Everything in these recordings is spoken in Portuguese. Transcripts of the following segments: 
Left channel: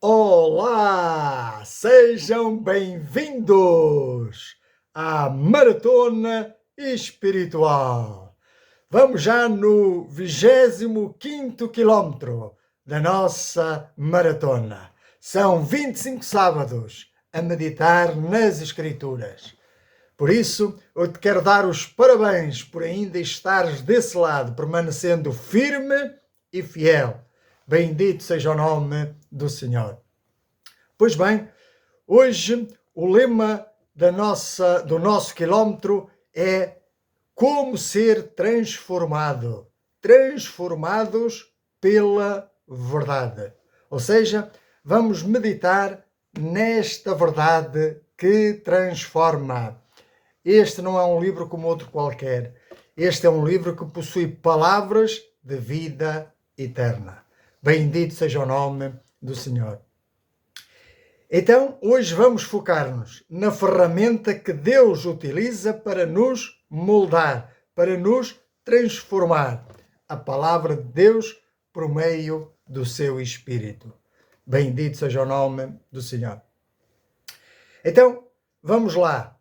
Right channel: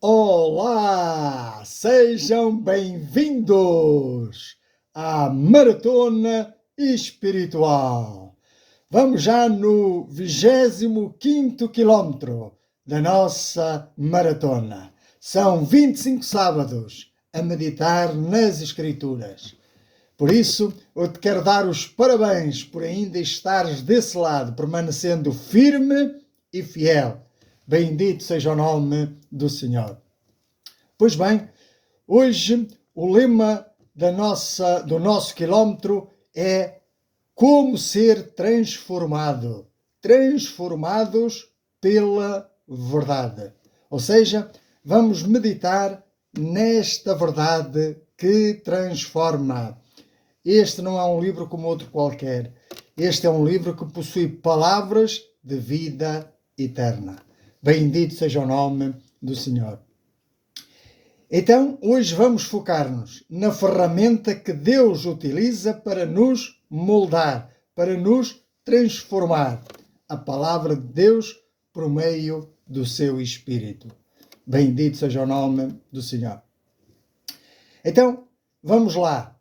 Olá! Sejam bem-vindos à Maratona Espiritual. Vamos já no 25º quilómetro da nossa maratona. São 25 sábados a meditar nas Escrituras. Por isso, eu te quero dar os parabéns por ainda estares desse lado, permanecendo firme e fiel. Bendito seja o nome do Senhor. Pois bem, hoje o lema do nosso quilómetro é como ser transformado. Transformados pela verdade. Ou seja, vamos meditar nesta verdade que transforma. Este não é um livro como outro qualquer. Este é um livro que possui palavras de vida eterna. Bendito seja o nome do Senhor. Então, hoje vamos focar-nos na ferramenta que Deus utiliza para nos moldar, para nos transformar. A palavra de Deus por meio do seu Espírito. Bendito seja o nome do Senhor. Então, vamos lá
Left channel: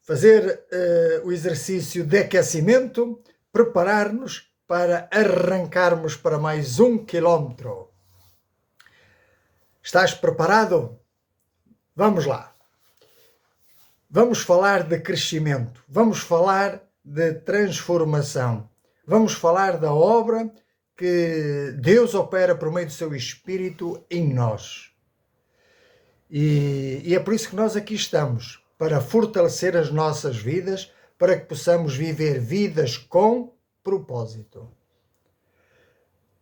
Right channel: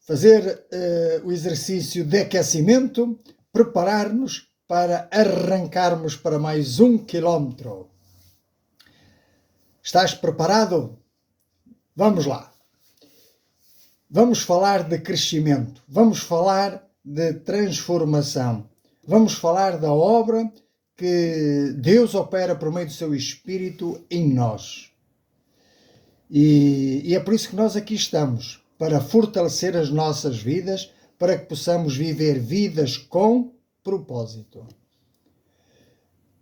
fazer o exercício de aquecimento, preparar-nos para arrancarmos para mais 1 quilómetro. Estás preparado? Vamos lá. Vamos falar de crescimento, vamos falar de transformação, vamos falar da obra que Deus opera por meio do seu Espírito em nós. E é por isso que nós aqui estamos, para fortalecer as nossas vidas, para que possamos viver vidas com propósito.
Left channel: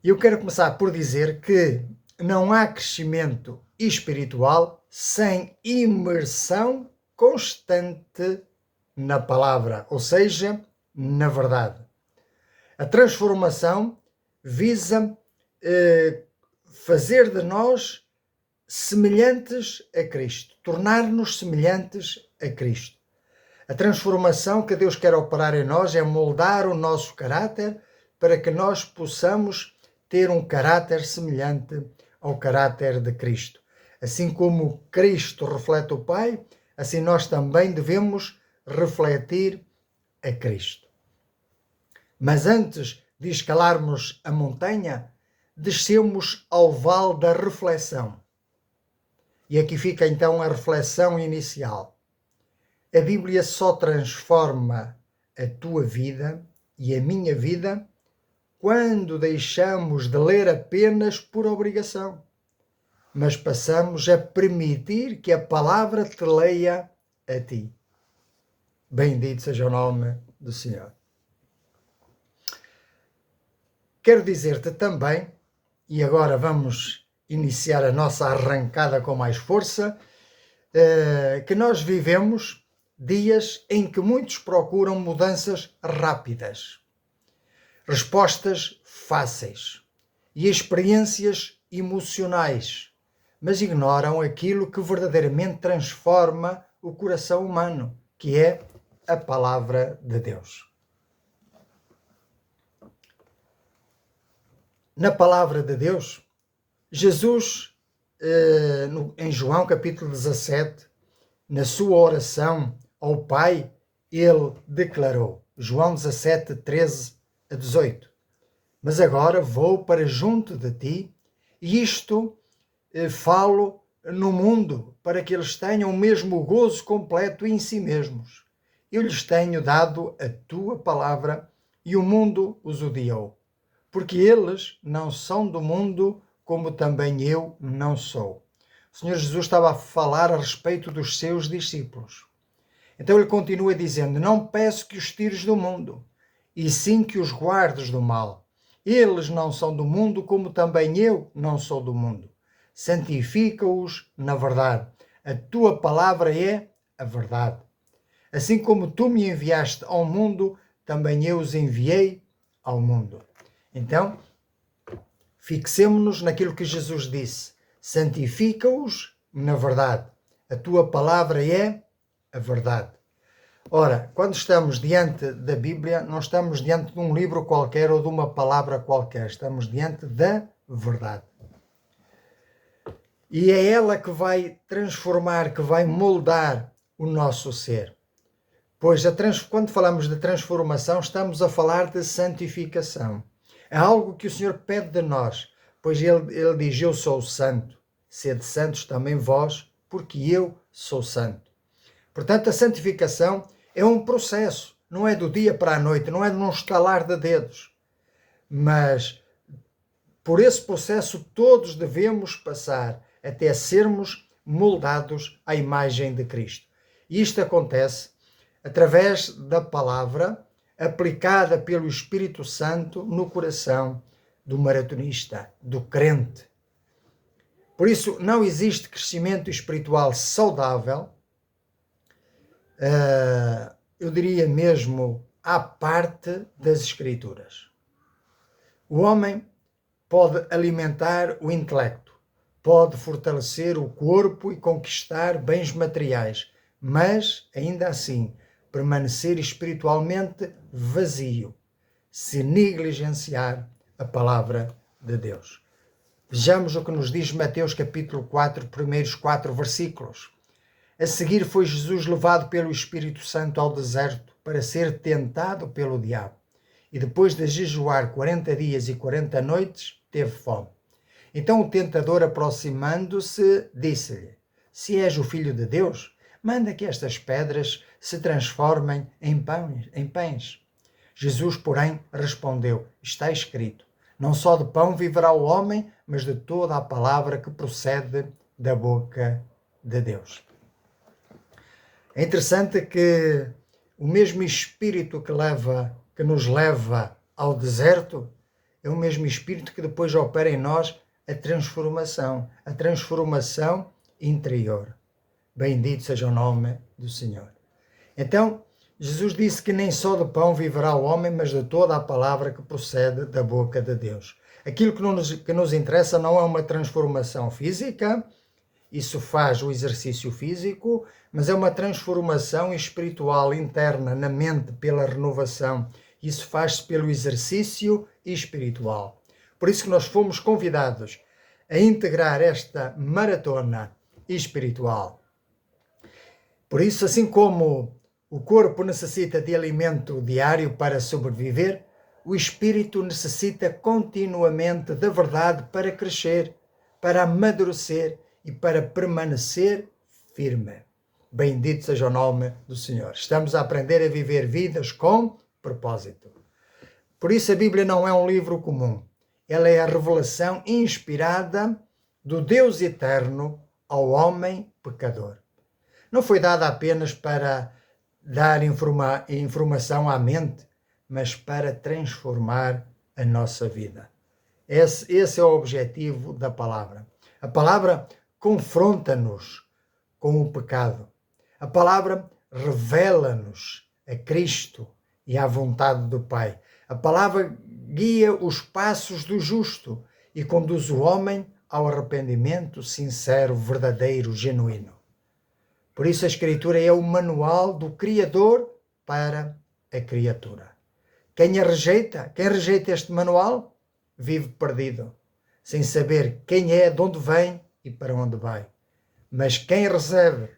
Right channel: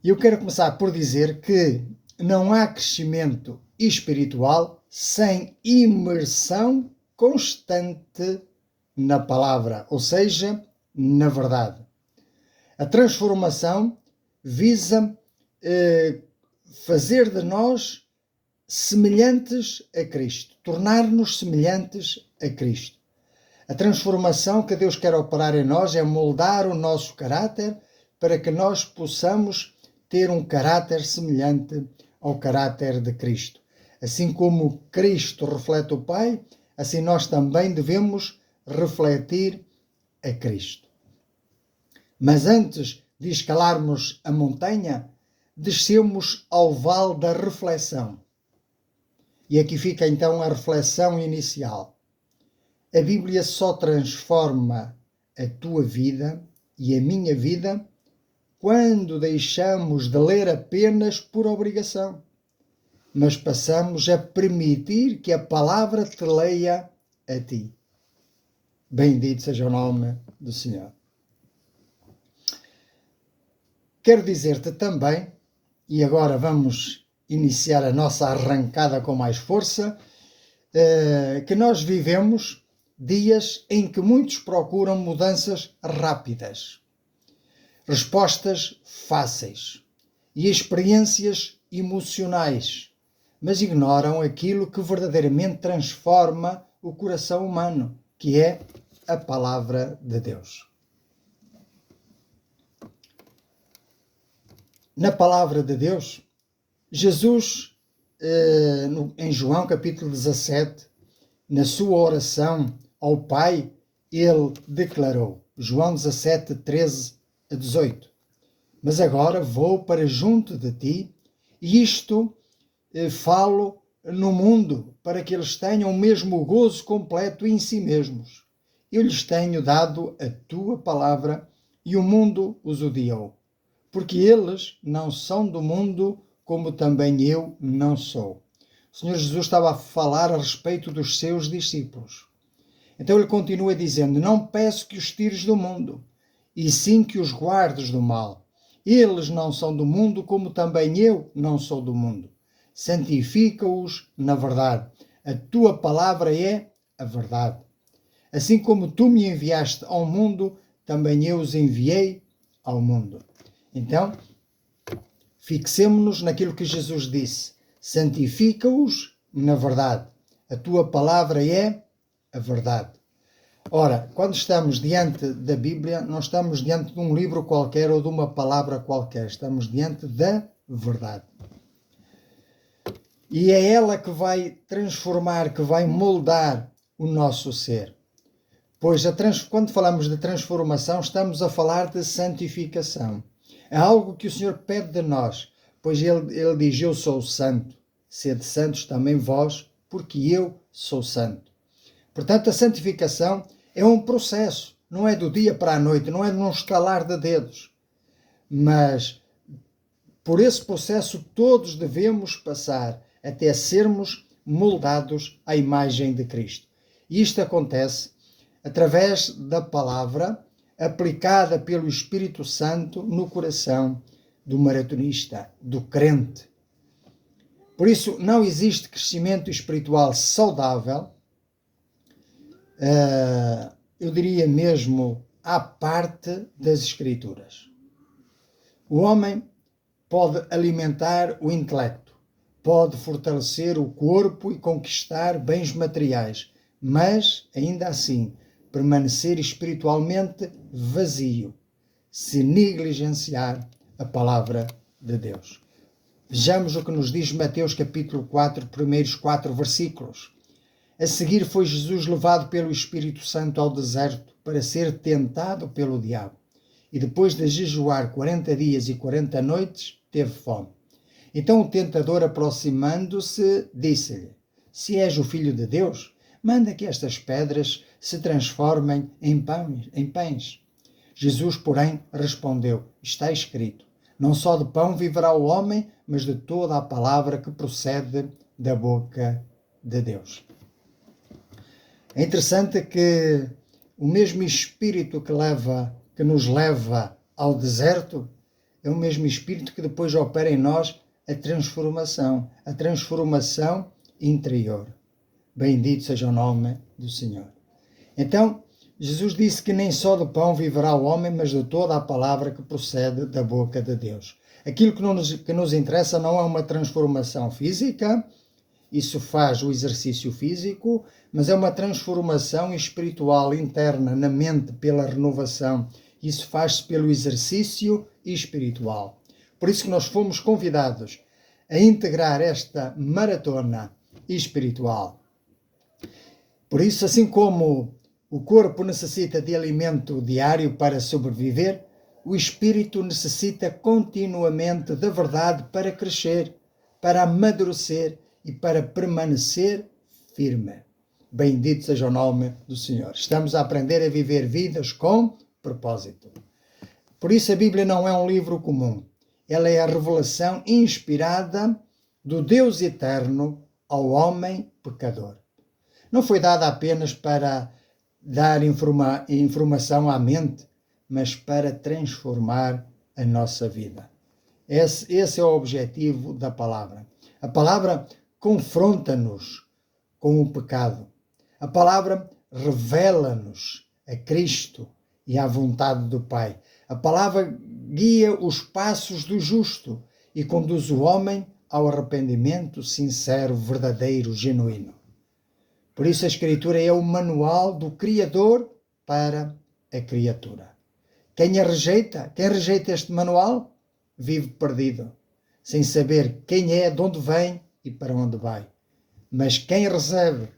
E eu quero começar por dizer que não há crescimento espiritual sem imersão constante na palavra, ou seja, na verdade. A transformação visa fazer de nós semelhantes a Cristo, tornar-nos semelhantes a Cristo. A transformação que Deus quer operar em nós é moldar o nosso caráter para que nós possamos ter um caráter semelhante ao caráter de Cristo. Assim como Cristo reflete o Pai, assim nós também devemos refletir a Cristo. Mas antes de escalarmos a montanha, descemos ao vale da reflexão. E aqui fica então a reflexão inicial. A Bíblia só transforma a tua vida e a minha vida quando deixamos de ler apenas por obrigação, mas passamos a permitir que a palavra te leia a ti. Bendito seja o nome do Senhor. Quero dizer-te também, e agora vamos iniciar a nossa arrancada com mais força, que nós vivemos dias em que muitos procuram mudanças rápidas, respostas fáceis e experiências emocionais, mas ignoram aquilo que verdadeiramente transforma o coração humano, que é a palavra de Deus. Na palavra de Deus, Jesus, em João capítulo 17, na sua oração ao Pai, ele declarou, João 17, 13 a 18, mas agora vou para junto de ti, e isto falo no mundo, para que eles tenham o mesmo gozo completo em si mesmos. Eu lhes tenho dado a tua palavra, e o mundo os odiou, porque eles não são do mundo, como também eu não sou. O Senhor Jesus estava a falar a respeito dos seus discípulos. Então ele continua dizendo, não peço que os tires do mundo, e sim que os guardes do mal. Eles não são do mundo, como também eu não sou do mundo. Santifica-os na verdade. A tua palavra é a verdade. Assim como tu me enviaste ao mundo, também eu os enviei ao mundo. Então, fixemo-nos naquilo que Jesus disse. Santifica-os na verdade. A tua palavra é a verdade. Ora, quando estamos diante da Bíblia, não estamos diante de um livro qualquer ou de uma palavra qualquer. Estamos diante da verdade. E é ela que vai transformar, que vai moldar o nosso ser. Pois quando falamos de transformação, estamos a falar de santificação. É algo que o Senhor pede de nós, pois ele diz: eu sou santo, sede santos também vós, porque eu sou santo. Portanto, a santificação é um processo, não é do dia para a noite, não é num estalar de dedos. Mas por esse processo todos devemos passar até sermos moldados à imagem de Cristo. E isto acontece através da palavra aplicada pelo Espírito Santo no coração do maratonista, do crente. Por isso, não existe crescimento espiritual saudável, eu diria mesmo, à parte das Escrituras. O homem pode alimentar o intelecto, pode fortalecer o corpo e conquistar bens materiais, mas, ainda assim, permanecer espiritualmente vazio, se negligenciar a palavra de Deus. Vejamos o que nos diz Mateus capítulo 4, primeiros 4 versículos. A seguir foi Jesus levado pelo Espírito Santo ao deserto para ser tentado pelo diabo. E depois de jejuar 40 dias e 40 noites, teve fome. Então o tentador, aproximando-se, disse-lhe: se és o Filho de Deus, manda que estas pedras se transformem em pães. Jesus, porém, respondeu: está escrito, não só de pão viverá o homem, mas de toda a palavra que procede da boca de Deus. É interessante que o mesmo Espírito que nos leva ao deserto é o mesmo Espírito que depois opera em nós a transformação interior. Bendito seja o nome do Senhor. Então, Jesus disse que nem só do pão viverá o homem, mas de toda a palavra que procede da boca de Deus. Aquilo que nos interessa não é uma transformação física, isso faz o exercício físico, mas é uma transformação espiritual interna na mente pela renovação. Isso faz-se pelo exercício espiritual. Por isso que nós fomos convidados a integrar esta maratona espiritual. Por isso, assim como o corpo necessita de alimento diário para sobreviver, o espírito necessita continuamente da verdade para crescer, para amadurecer e para permanecer firme. Bendito seja o nome do Senhor. Estamos a aprender a viver vidas com propósito. Por isso a Bíblia não é um livro comum. Ela é a revelação inspirada do Deus eterno ao homem pecador. Não foi dada apenas para dar informação à mente, mas para transformar a nossa vida. Esse é o objetivo da palavra. A palavra confronta-nos com o pecado. A palavra revela-nos a Cristo e à vontade do Pai. A palavra guia os passos do justo e conduz o homem ao arrependimento sincero, verdadeiro, genuíno. Por isso a Escritura é o manual do Criador para a criatura. Quem rejeita este manual, vive perdido, sem saber quem é, de onde vem e para onde vai. Mas quem recebe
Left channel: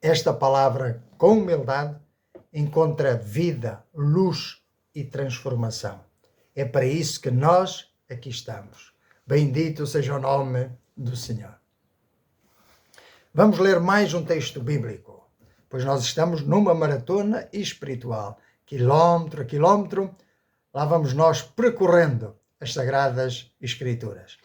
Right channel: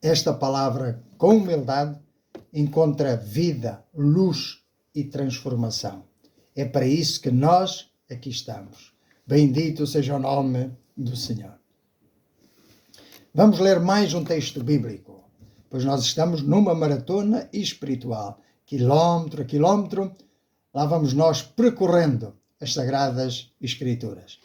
esta palavra com humildade, encontra vida, luz e transformação. É para isso que nós aqui estamos. Bendito seja o nome do Senhor. Vamos ler mais um texto bíblico, pois nós estamos numa maratona espiritual. Quilómetro a quilómetro, lá vamos nós percorrendo as Sagradas Escrituras.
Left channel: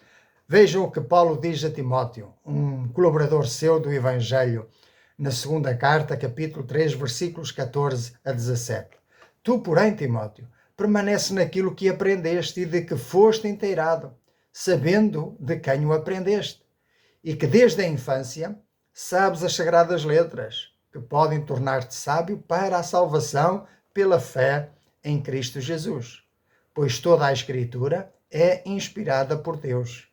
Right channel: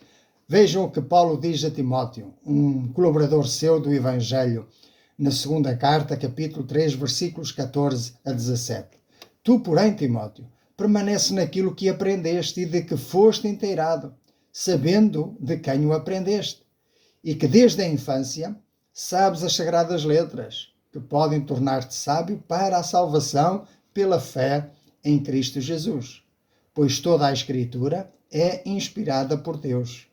Vejam o que Paulo diz a Timóteo, um colaborador seu do Evangelho, na segunda carta, capítulo 3, versículos 14 a 17. Tu, porém, Timóteo, permanece naquilo que aprendeste e de que foste inteirado, sabendo de quem o aprendeste, e que desde a infância sabes as sagradas letras, que podem tornar-te sábio para a salvação pela fé em Cristo Jesus. Pois toda a Escritura é inspirada por Deus.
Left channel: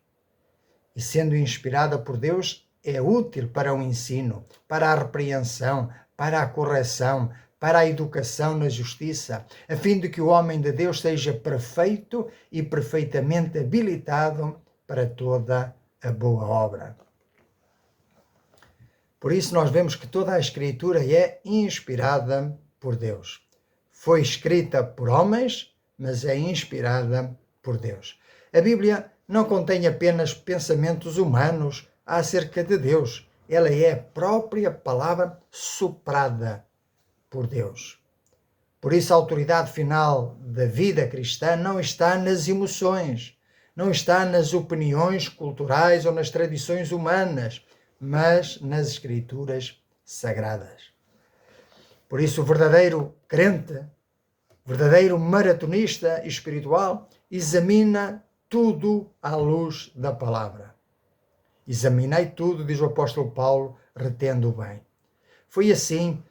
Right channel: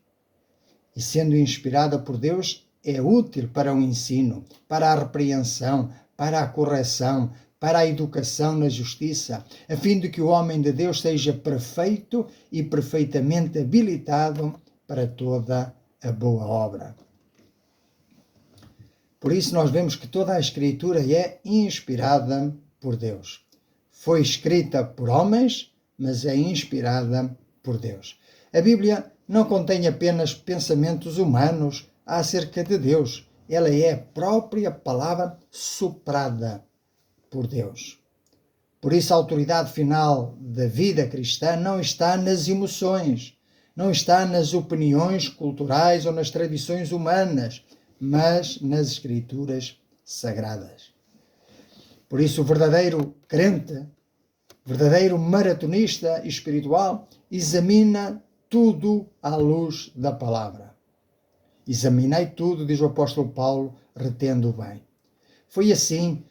E sendo inspirada por Deus, é útil para o ensino, para a repreensão, para a correção, para a educação na justiça, a fim de que o homem de Deus seja perfeito e perfeitamente habilitado para toda a boa obra. Por isso nós vemos que toda a Escritura é inspirada por Deus. Foi escrita por homens, mas é inspirada por Deus. A Bíblia não contém apenas pensamentos humanos acerca de Deus. Ela é a própria palavra soprada por Deus. Por isso a autoridade final da vida cristã não está nas emoções, não está nas opiniões culturais ou nas tradições humanas, mas nas Escrituras sagradas. Por isso o verdadeiro crente, verdadeiro maratonista espiritual, examina tudo à luz da palavra. Examinei tudo, diz o apóstolo Paulo, retendo o bem. Foi assim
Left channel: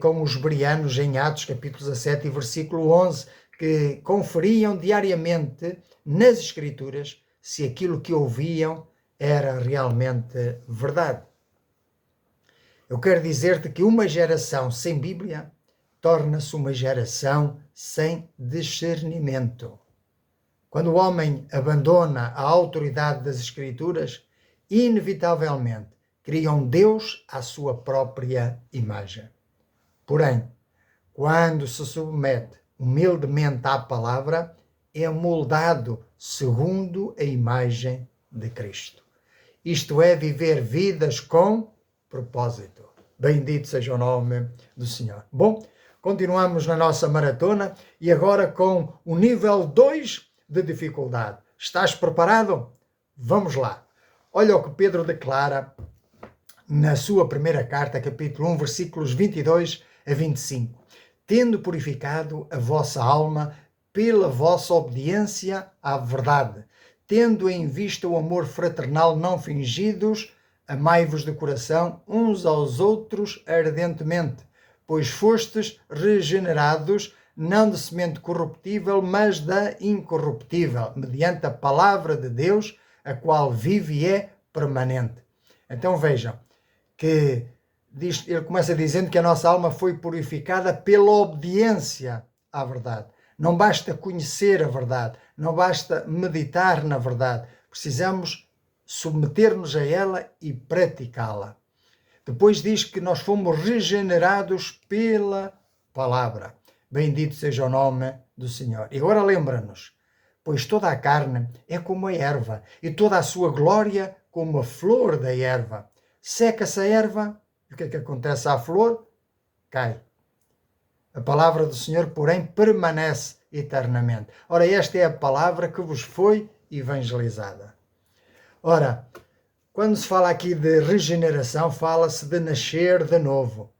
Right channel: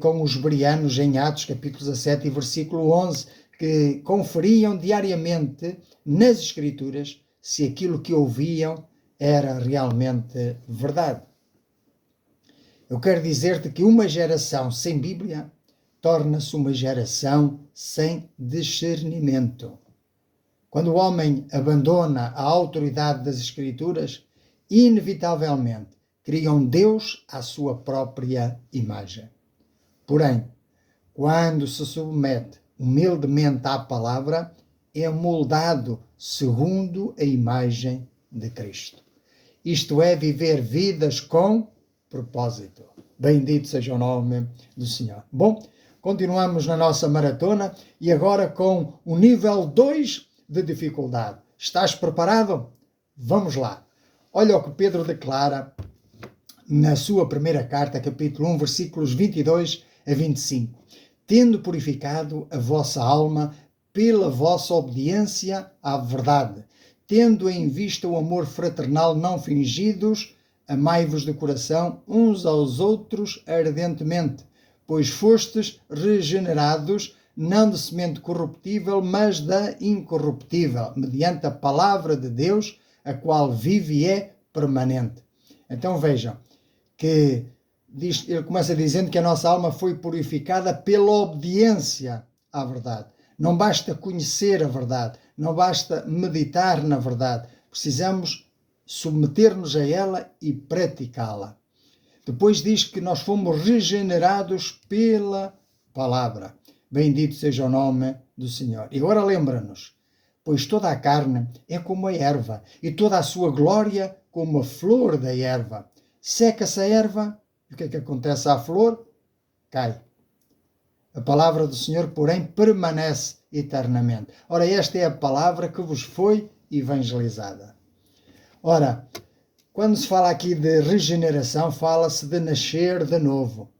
com os bereanos em Atos, capítulo 17 e versículo 11, que conferiam diariamente nas Escrituras se aquilo que ouviam era realmente verdade. Eu quero dizer-te que uma geração sem Bíblia torna-se uma geração sem discernimento. Quando o homem abandona a autoridade das Escrituras, inevitavelmente cria um Deus à sua própria imagem. Porém, quando se submete humildemente à palavra, é moldado segundo a imagem de Cristo. Isto é, viver vidas com propósito. Bendito seja o nome do Senhor. Bom, continuamos na nossa maratona e agora com o nível 2 de dificuldade. Estás preparado? Vamos lá. Olha o que Pedro declara na sua primeira carta, capítulo 1, versículos 22 a 25. Tendo purificado a vossa alma pela vossa obediência à verdade, tendo em vista o amor fraternal não fingidos, amai-vos de coração uns aos outros ardentemente, pois fostes regenerados, não de semente corruptível, mas da incorruptível, mediante a palavra de Deus, a qual vive e é permanente. Então vejam que ele começa dizendo que a nossa alma foi purificada pela obediência à verdade. Não basta conhecer a verdade, não basta meditar na verdade, precisamos submeter-nos a ela e praticá-la. Depois diz que nós fomos regenerados pela palavra. Bendito seja o nome do Senhor. E agora lembra-nos, pois toda a carne é como a erva, e toda a sua glória como a flor da erva. Seca-se a erva, e o que é que acontece à flor? Cai. A palavra do Senhor, porém, permanece eternamente. Ora, esta é a palavra que vos foi evangelizada. Ora, quando se fala aqui de regeneração, fala-se de nascer de novo,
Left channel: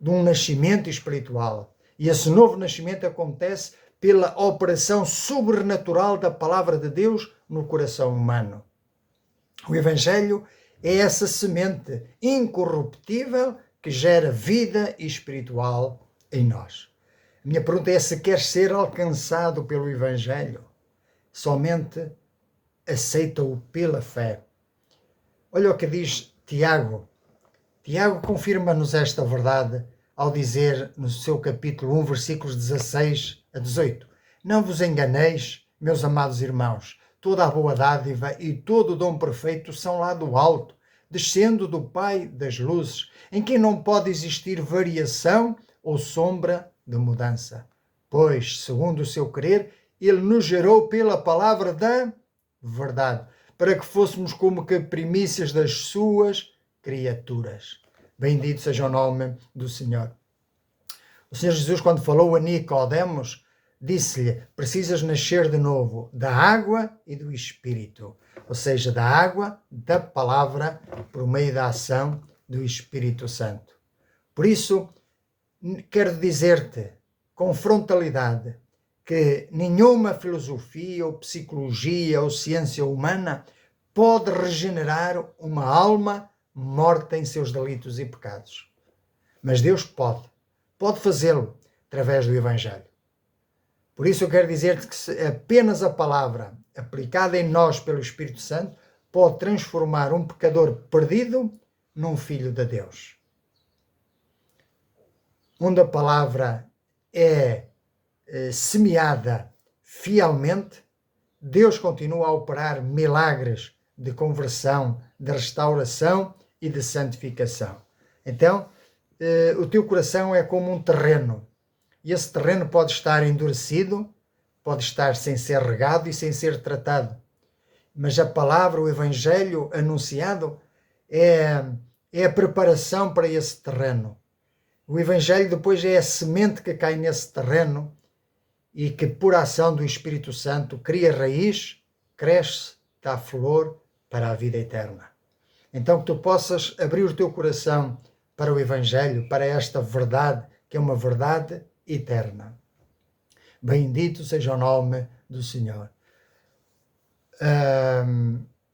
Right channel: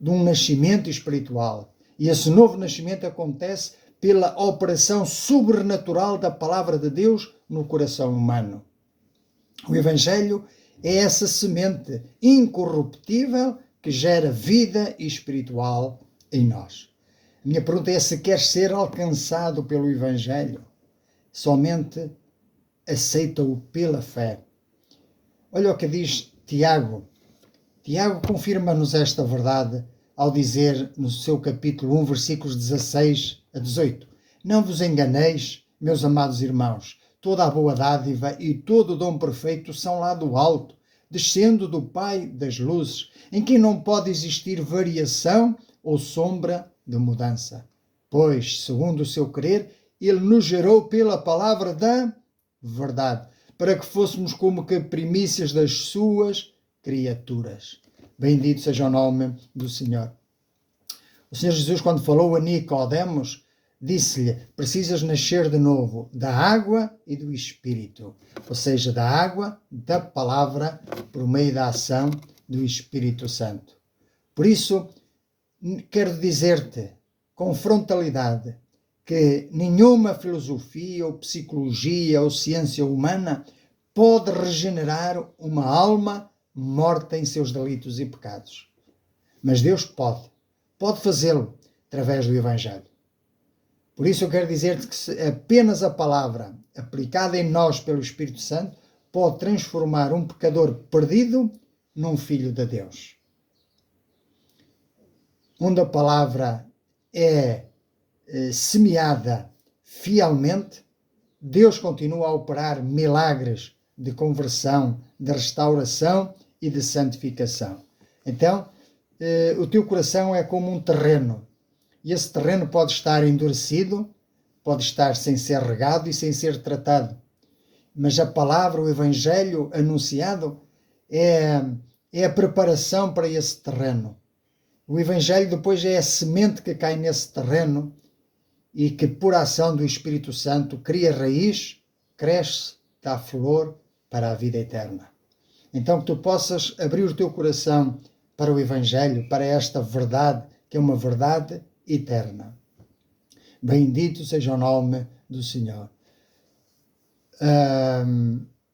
de um nascimento espiritual. E esse novo nascimento acontece pela operação sobrenatural da palavra de Deus no coração humano. O Evangelho é essa semente incorruptível que gera vida espiritual em nós. A minha pergunta é se queres ser alcançado pelo Evangelho. Somente aceita-o pela fé. Olha o que diz Tiago. Tiago confirma-nos esta verdade ao dizer no seu capítulo 1, versículos 16 a 18. Não vos enganeis, meus amados irmãos, toda a boa dádiva e todo o dom perfeito são lá do alto, descendo do Pai das luzes, em quem não pode existir variação ou sombra de mudança. Pois, segundo o seu querer, ele nos gerou pela palavra da verdade, para que fôssemos como que primícias das suas criaturas. Bendito seja o nome do Senhor. O Senhor Jesus, quando falou a Nicodemos, disse-lhe, precisas nascer de novo da água e do Espírito. Ou seja, da água, da palavra, por meio da ação do Espírito Santo. Por isso, quero dizer-te, com frontalidade, que nenhuma filosofia ou psicologia ou ciência humana pode regenerar uma alma morta em seus delitos e pecados. Mas Deus pode fazê-lo através do Evangelho. Por isso eu quero dizer-te que apenas a palavra aplicada em nós pelo Espírito Santo pode transformar um pecador perdido num filho de Deus. Onde a palavra é semeada fielmente, Deus continua a operar milagres de conversão, de restauração e de santificação. Então, o teu coração é como um terreno, e esse terreno pode estar endurecido, pode estar sem ser regado e sem ser tratado. Mas a palavra, o Evangelho anunciado, é a preparação para esse terreno. O Evangelho depois é a semente que cai nesse terreno e que, por ação do Espírito Santo, cria raiz, cresce, dá flor para a vida eterna. Então, que tu possas abrir o teu coração para o Evangelho, para esta verdade, que é uma verdade eterna. Bendito seja o nome do Senhor.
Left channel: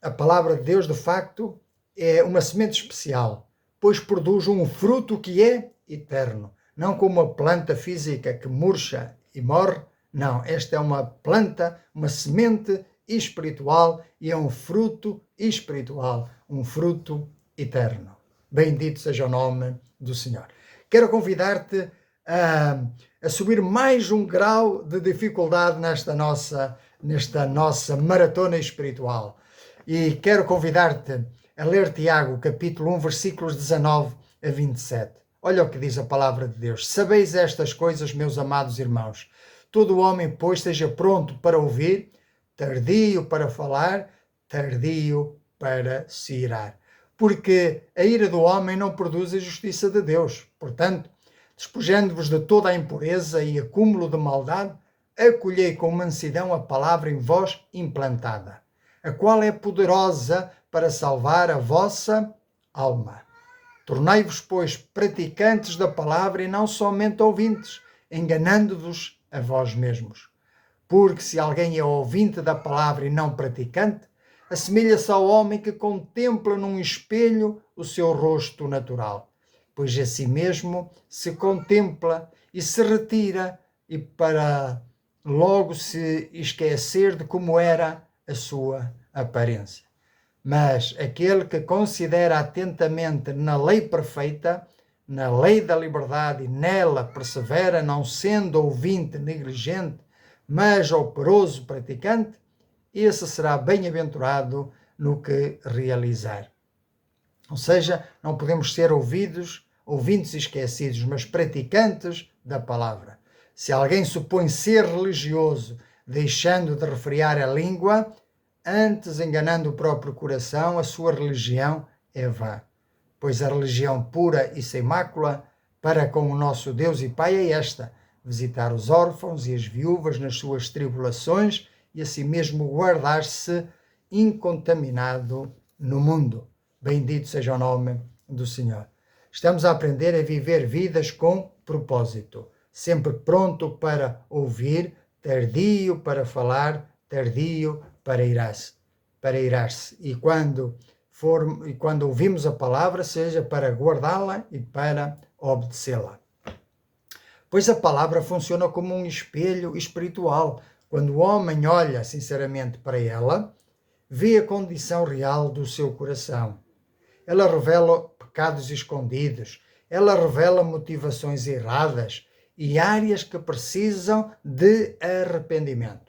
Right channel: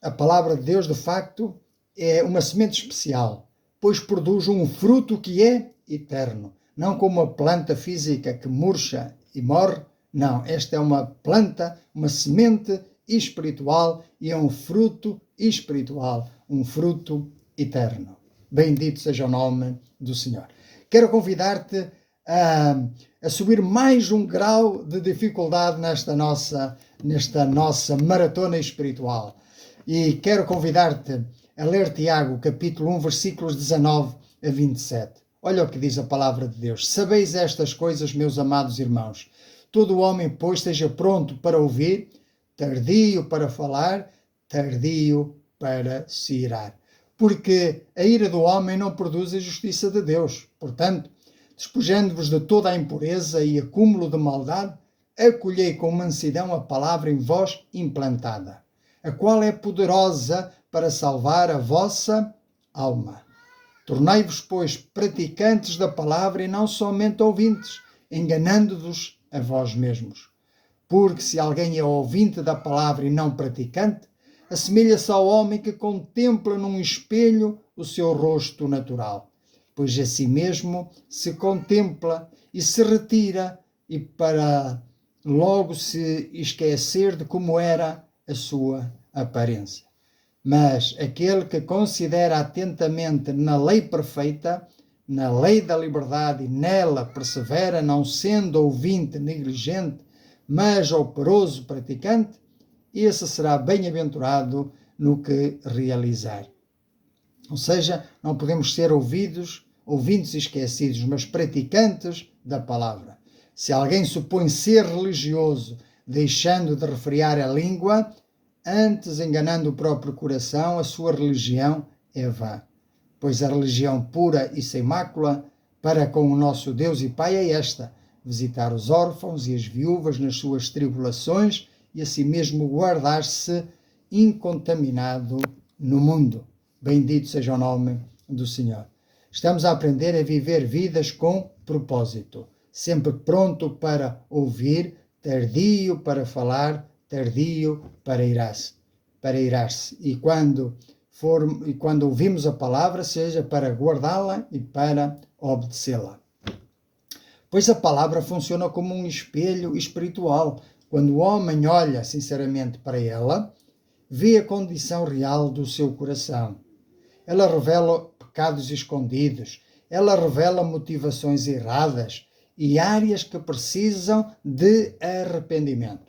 A palavra de Deus, de facto, é uma semente especial, pois produz um fruto que é eterno. Não como uma planta física que murcha e morre. Não, esta é uma planta, uma semente espiritual e é um fruto espiritual, um fruto eterno. Bendito seja o nome do Senhor. Quero convidar-te a subir mais um grau de dificuldade nesta nossa maratona espiritual. E quero convidar-te a ler Tiago, capítulo 1, versículos 19 a 27. Olha o que diz a palavra de Deus. Sabeis estas coisas, meus amados irmãos. Todo homem, pois, esteja pronto para ouvir, tardio para falar, tardio para se irar. Porque a ira do homem não produz a justiça de Deus. Portanto, despojando-vos de toda a impureza e acúmulo de maldade, acolhei com mansidão a palavra em vós implantada, a qual é poderosa para salvar a vossa alma. Tornai-vos, pois, praticantes da palavra e não somente ouvintes, enganando-vos a vós mesmos. Porque se alguém é ouvinte da palavra e não praticante, assemelha-se ao homem que contempla num espelho o seu rosto natural, pois a si mesmo se contempla e se retira, e para logo se esquecer de como era a sua aparência. Mas aquele que considera atentamente na lei perfeita, na lei da liberdade, e nela persevera, não sendo ouvinte negligente, mas operoso praticante, esse será bem-aventurado no que realizar. Ou seja, não podemos ser ouvintes esquecidos, mas praticantes da palavra. Se alguém supõe ser religioso, deixando de refrear a língua, antes enganando o próprio coração, a sua religião é vã. Pois a religião pura e sem mácula para com o nosso Deus e Pai é esta: visitar os órfãos e as viúvas nas suas tribulações e assim mesmo guardar-se incontaminado no mundo. Bendito seja o nome do Senhor. Estamos a aprender a viver vidas com propósito, sempre pronto para ouvir, tardio para falar, tardio para irar-se. E quando ouvimos a palavra, seja para guardá-la e para obedecê-la. Pois a palavra funciona como um espelho espiritual. Quando o homem olha sinceramente para ela, vê a condição real do seu coração. Ela revela pecados escondidos, ela revela motivações erradas e áreas que precisam de arrependimento.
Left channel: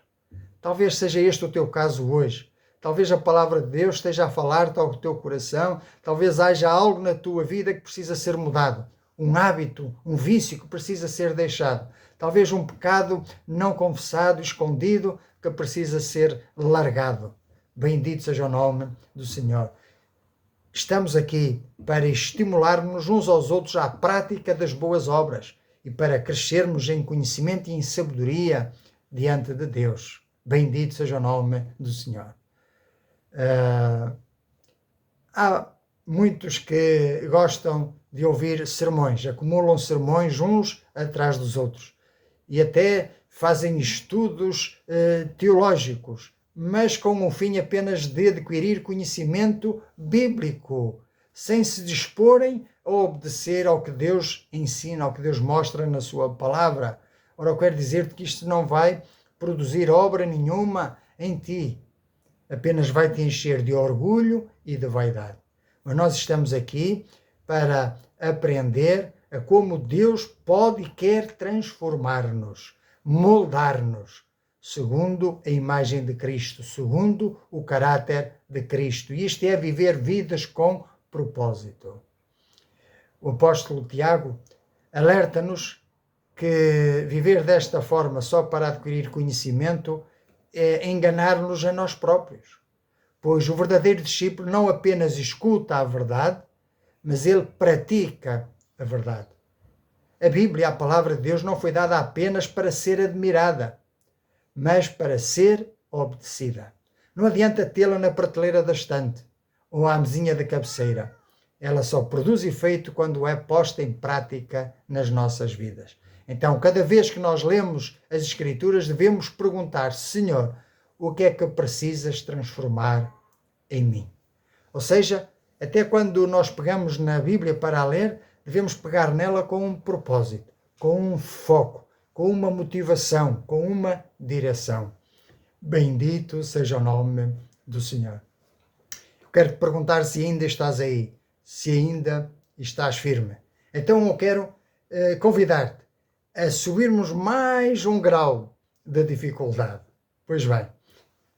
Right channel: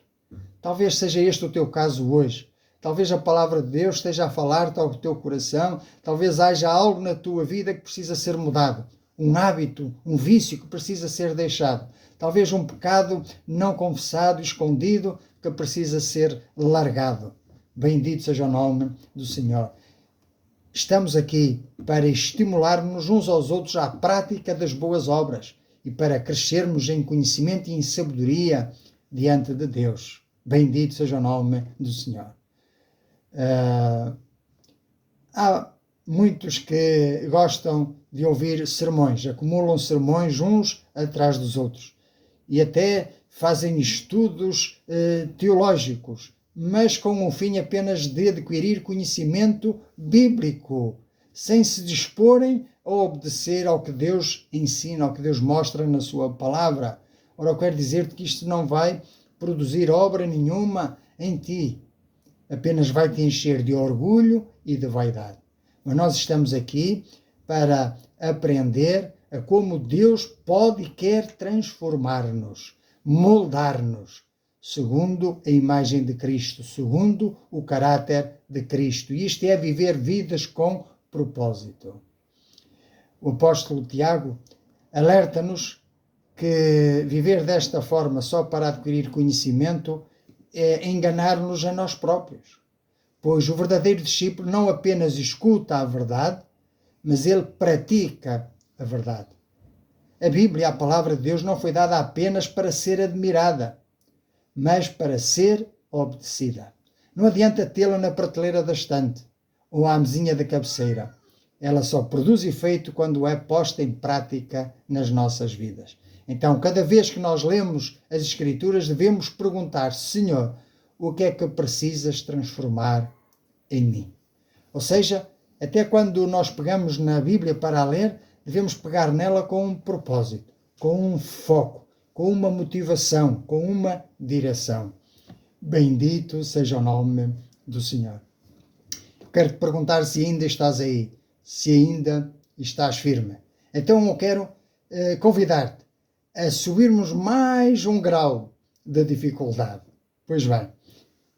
Talvez seja este o teu caso hoje. Talvez a palavra de Deus esteja a falar-te ao teu coração. Talvez haja algo na tua vida que precisa ser mudado. Um hábito, um vício que precisa ser deixado. Talvez um pecado não confessado, escondido, que precisa ser largado. Bendito seja o nome do Senhor. Estamos aqui para estimularmos uns aos outros à prática das boas obras e para crescermos em conhecimento e em sabedoria diante de Deus. Bendito seja o nome do Senhor. Há muitos que gostam de ouvir sermões, acumulam sermões uns atrás dos outros e até fazem estudos teológicos, mas com o fim apenas de adquirir conhecimento bíblico, sem se disporem a obedecer ao que Deus ensina, ao que Deus mostra na sua palavra. Ora, eu quero dizer-te que isto não vai produzir obra nenhuma em ti, apenas vai te encher de orgulho e de vaidade. Mas nós estamos aqui para aprender a como Deus pode e quer transformar-nos, moldar-nos. segundo a imagem de Cristo, segundo o caráter de Cristo. E isto é viver vidas com propósito. O apóstolo Tiago alerta-nos que viver desta forma só para adquirir conhecimento é enganar-nos a nós próprios, pois o verdadeiro discípulo não apenas escuta a verdade, mas ele pratica a verdade. A Bíblia, a palavra de Deus, não foi dada apenas para ser admirada, mas para ser obedecida. Não adianta tê-la na prateleira da estante ou à mesinha da cabeceira. Ela só produz efeito quando é posta em prática nas nossas vidas. Então, cada vez que nós lemos as Escrituras, devemos perguntar: Senhor, o que é que precisas transformar em mim? Ou seja, até quando nós pegamos na Bíblia para a ler, devemos pegar nela com um propósito, com um foco, com uma motivação, com uma direção. Bendito seja o nome do Senhor. Quero te perguntar se ainda estás aí, se ainda estás firme. Então eu quero convidar-te a subirmos mais um grau da dificuldade. Pois bem,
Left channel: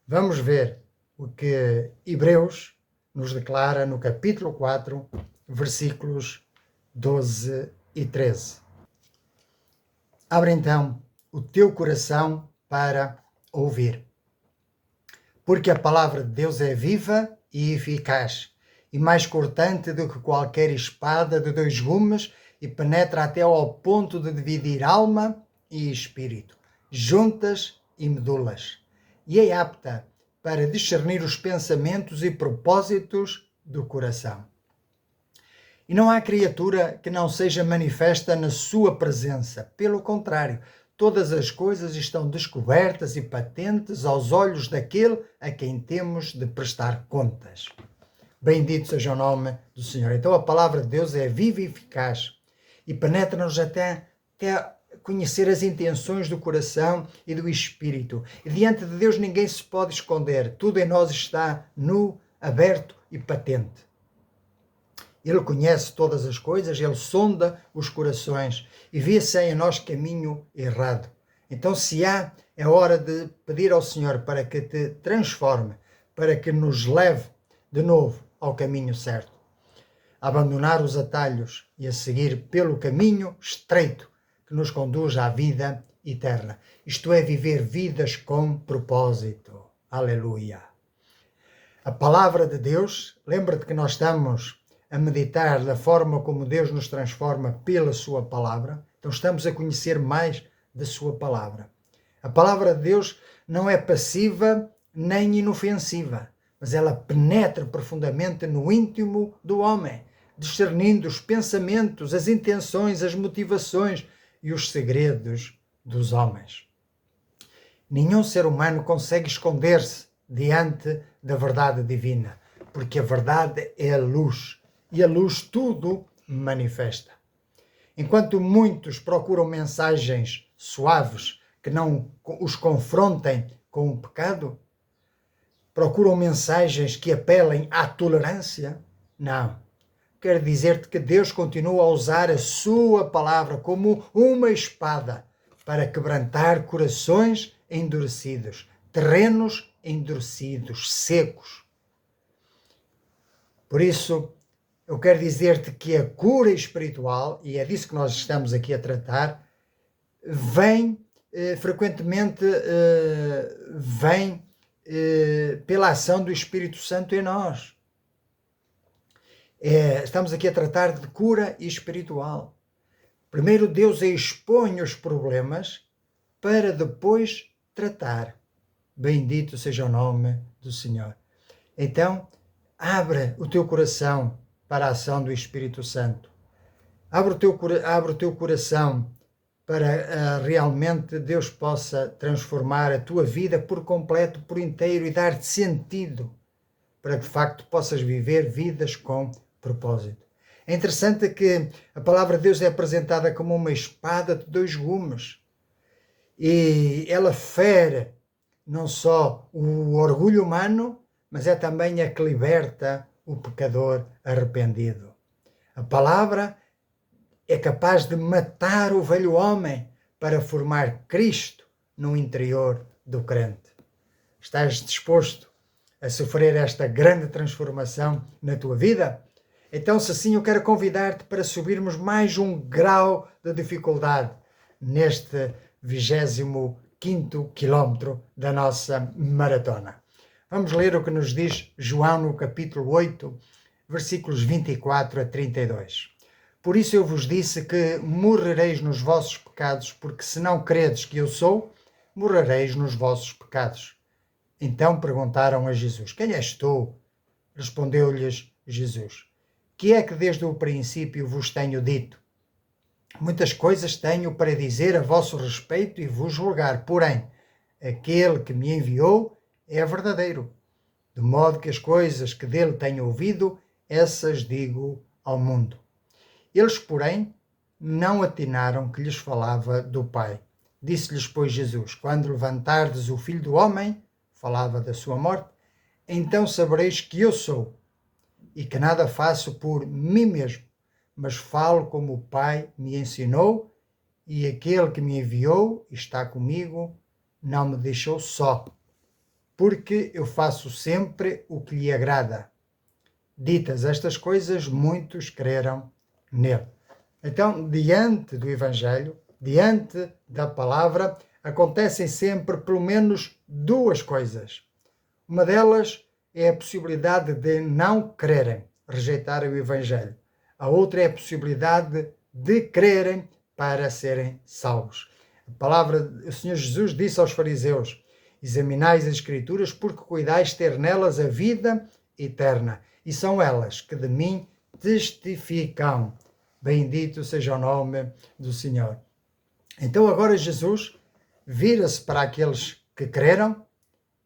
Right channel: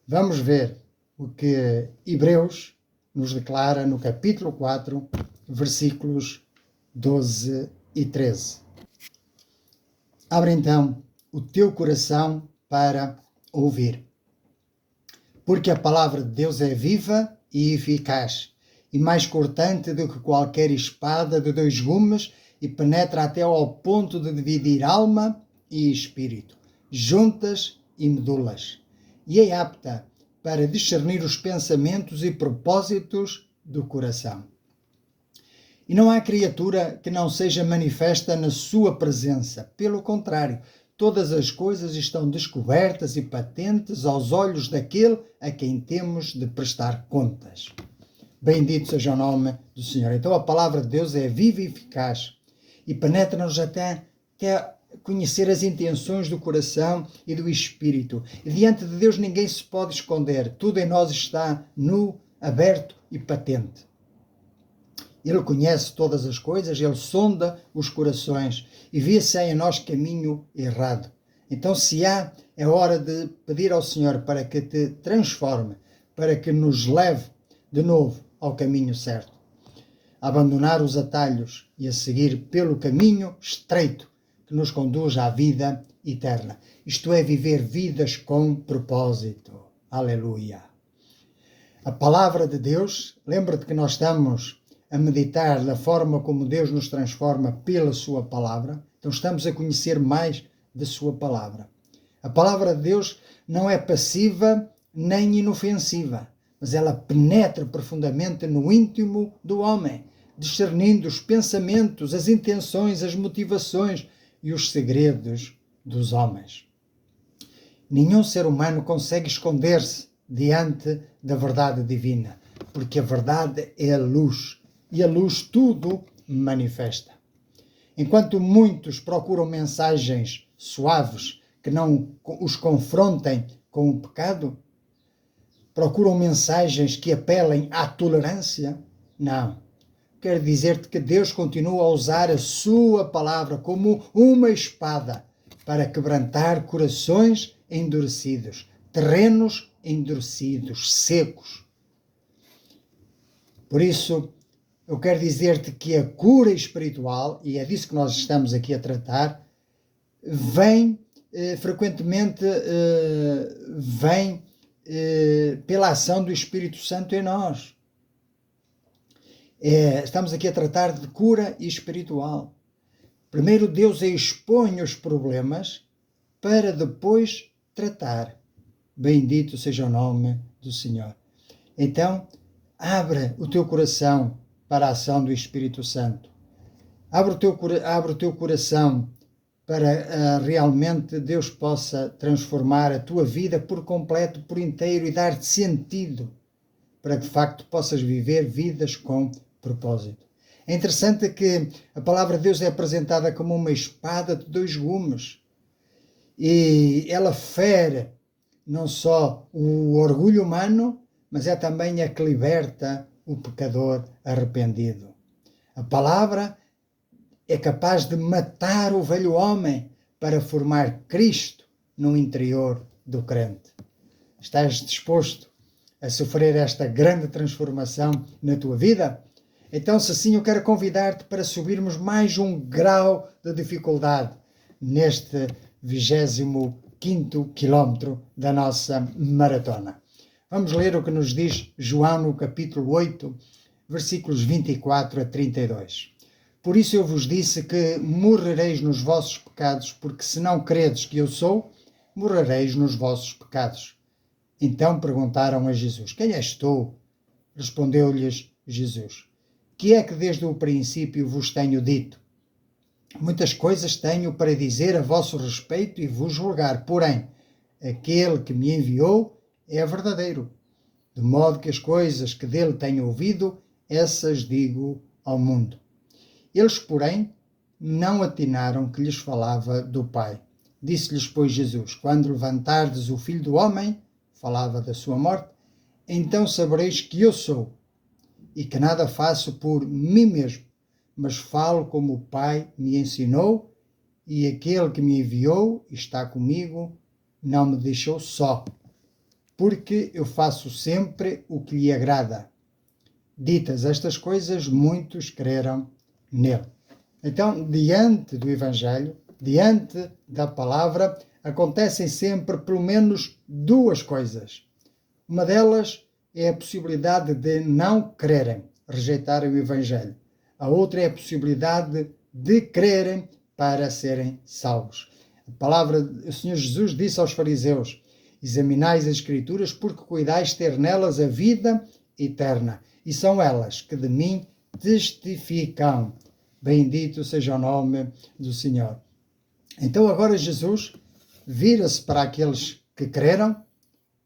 vamos ver o que Hebreus nos declara no capítulo 4, versículos 12 e 13. Abre então o teu coração para ouvir. Porque a palavra de Deus é viva e eficaz, e mais cortante do que qualquer espada de dois gumes, e penetra até ao ponto de dividir alma e espírito, juntas e medulas, e é apta para discernir os pensamentos e propósitos do coração. E não há criatura que não seja manifesta na sua presença. Pelo contrário, todas as coisas estão descobertas e patentes aos olhos daquele a quem temos de prestar contas. Bendito seja o nome do Senhor. Então a palavra de Deus é viva e eficaz e penetra-nos até conhecer as intenções do coração e do espírito. E diante de Deus ninguém se pode esconder. Tudo em nós está nu, aberto e patente. Ele conhece todas as coisas, ele sonda os corações e vê se há em nós caminho errado. Então, se há, é hora de pedir ao Senhor para que te transforme, para que nos leve de novo ao caminho certo. Abandonar os atalhos e a seguir pelo caminho estreito que nos conduz à vida eterna. Isto é, viver vidas com propósito. Aleluia! A palavra de Deus, lembra-te que nós estamos a meditar da forma como Deus nos transforma pela sua palavra. Então estamos a conhecer mais da sua palavra. A palavra de Deus não é passiva nem inofensiva, mas ela penetra profundamente no íntimo do homem, discernindo os pensamentos, as intenções, as motivações e os segredos dos homens. Nenhum ser humano consegue esconder-se diante da verdade divina, porque a verdade é a luz, e a luz tudo manifesta. Enquanto muitos procuram mensagens suaves que não os confrontem com o pecado, procuram mensagens que apelem à tolerância, não. Quero dizer-te que Deus continua a usar a sua palavra como uma espada para quebrantar corações endurecidos, terrenos endurecidos, secos. Por isso, eu quero dizer-te que a cura espiritual, e é disso que nós estamos aqui a tratar, frequentemente vem pela ação do Espírito Santo em nós. Estamos aqui a tratar de cura espiritual. Primeiro Deus expõe os problemas para depois tratar. Bendito seja o nome do Senhor. Então, abre o teu coração para a ação do Espírito Santo. Abre o teu coração para realmente Deus possa transformar a tua vida por completo, por inteiro e dar-te sentido para que de facto possas viver vidas com propósito. É interessante que a palavra de Deus é apresentada como uma espada de dois gumes e ela fere não só o orgulho humano, mas é também a que liberta o pecador arrependido. A palavra é capaz de matar o velho homem para formar Cristo no interior do crente. Estás disposto a sofrer esta grande transformação na tua vida? Então, se assim, eu quero convidar-te para subirmos mais um grau de dificuldade neste 25º quilómetro da nossa maratona. Vamos ler o que nos diz João no capítulo 8, versículos 24 a 32. Por isso eu vos disse que morrereis nos vossos pecados, porque se não credes que eu sou, morrereis nos vossos pecados. Então perguntaram a Jesus: quem és tu? Respondeu-lhes Jesus: que é que desde o princípio vos tenho dito? Muitas coisas tenho para dizer a vosso respeito e vos julgar, porém, aquele que me enviou é verdadeiro, de modo que as coisas que dele tenho ouvido, essas digo ao mundo. Eles, porém, não atinaram que lhes falava do Pai. Disse-lhes, pois, Jesus: quando levantardes o Filho do Homem, falava da sua morte, então sabereis que eu sou, e que nada faço por mim mesmo, mas falo como o Pai me ensinou, e aquele que me enviou está comigo, não me deixou só, porque eu faço sempre o que lhe agrada. Ditas estas coisas, muitos creram nele. Então, diante do Evangelho, diante da palavra, acontecem sempre pelo menos duas coisas. Uma delas é a possibilidade de não crerem, rejeitarem o Evangelho. A outra é a possibilidade de crerem para serem salvos. A palavra, o Senhor Jesus disse aos fariseus: examinais as Escrituras, porque cuidais ter nelas a vida eterna, e são elas que de mim testificam. Bendito seja o nome do Senhor. Então agora Jesus vira-se para aqueles que creram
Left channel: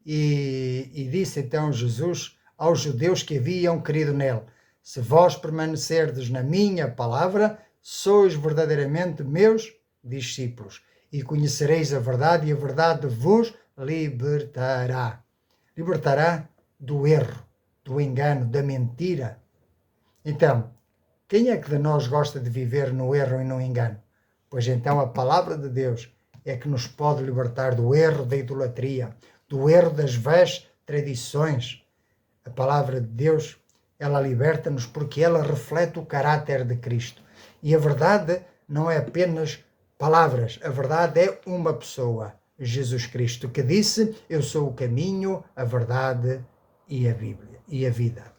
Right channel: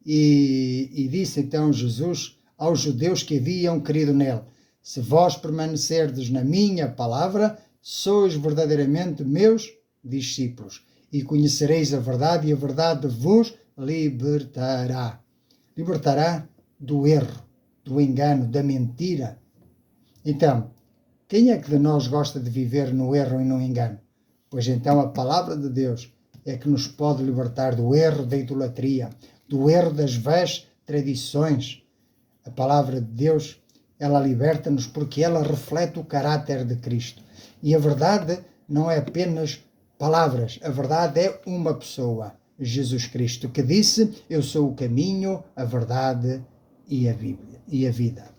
e disse então Jesus aos judeus que haviam crido nele: se vós permanecerdes na minha palavra, sois verdadeiramente meus discípulos, e conhecereis a verdade, e a verdade vos libertará. Libertará do erro, do engano, da mentira. Então, quem é que de nós gosta de viver no erro e no engano? Pois então a palavra de Deus é que nos pode libertar do erro da idolatria, do erro das vãs tradições. A palavra de Deus, ela liberta-nos porque ela reflete o caráter de Cristo. E a verdade não é apenas palavras, a verdade é uma pessoa, Jesus Cristo, que disse: eu sou o caminho, a verdade e a Bíblia, e a vida.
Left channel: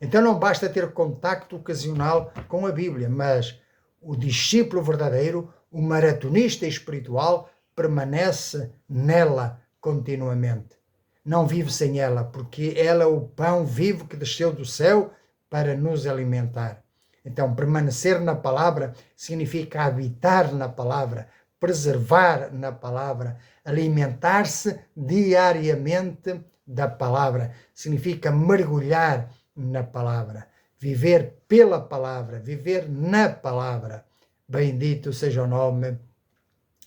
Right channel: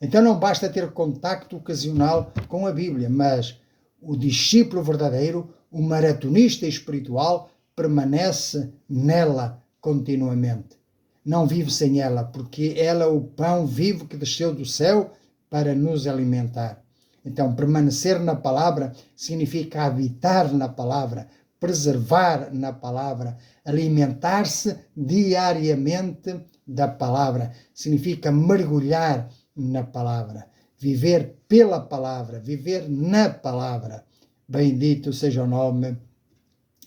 Então não basta ter contacto ocasional com a Bíblia, mas o discípulo verdadeiro, o maratonista espiritual, permanece nela continuamente. Não vive sem ela, porque ela é o pão vivo que desceu do céu para nos alimentar. Então, permanecer na palavra significa habitar na palavra, preservar na palavra, alimentar-se diariamente da palavra. Significa mergulhar na palavra, viver pela palavra, viver na palavra. Bendito seja o nome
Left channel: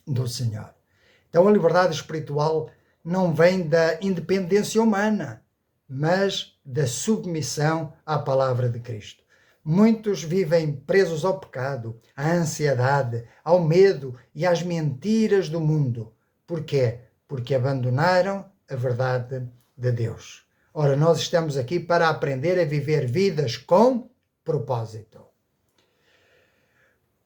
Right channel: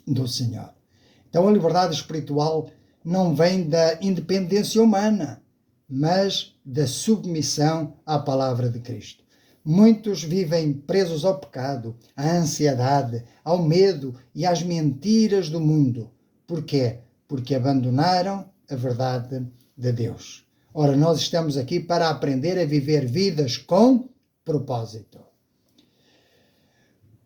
do Senhor. Então a liberdade espiritual não vem da independência humana, mas da submissão à palavra de Cristo. Muitos vivem presos ao pecado, à ansiedade, ao medo e às mentiras do mundo. Porquê? Porque abandonaram a verdade de Deus. Ora, nós estamos aqui para aprender a viver vidas com propósito.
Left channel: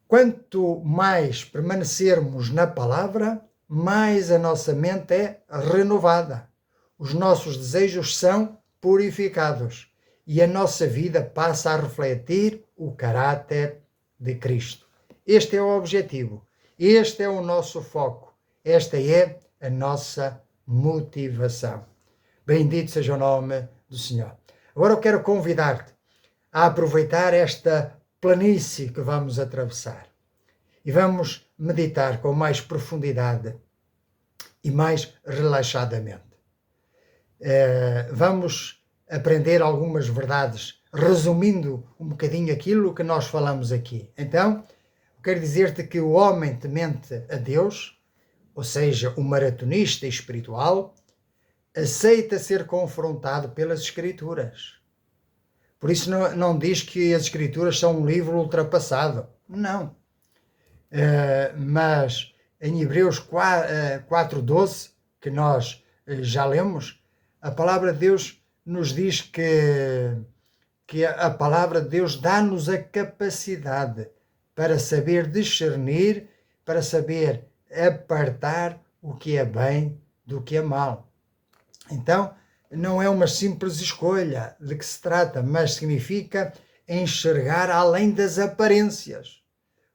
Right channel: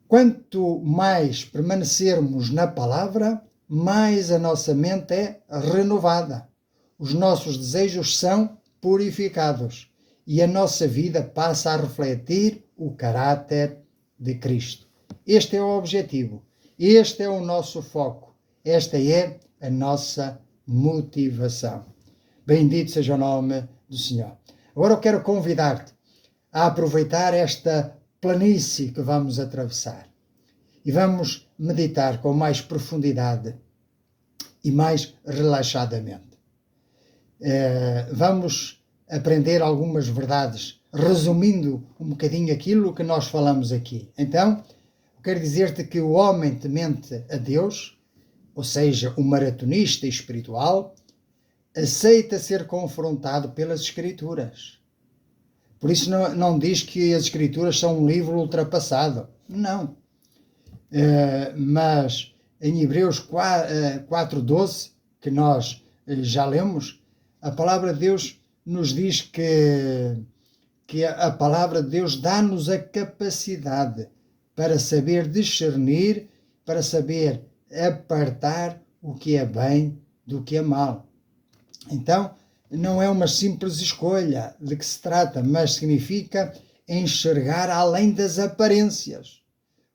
Quanto mais permanecermos na palavra, mais a nossa mente é renovada. Os nossos desejos são purificados e a nossa vida passa a refletir o caráter de Cristo. Este é o objetivo, este é o nosso foco, esta é a nossa motivação. Bendito seja o nome do Senhor. Agora eu quero convidar-te a aproveitar esta planície que vamos atravessar e vamos meditar com mais profundidade e mais relaxadamente. Vamos aprender algumas verdades, resumindo um bocadinho aquilo que nós falamos aqui. Então, eu quero dizer-te que o homem temente a Deus, ou seja, o maratonista espiritual, aceita ser confrontado pelas Escrituras. Por isso não diz que as Escrituras são um livro ultrapassado. Não. Mas em Hebreus 4:12, que nós já lemos, a palavra de Deus nos diz que a palavra de Deus dá-nos a capacidade para saber discernir, para saber apartar o que é bem do que é mal. Então, não é uma simples escolha de que se trata, mas significa enxergar além das aparências,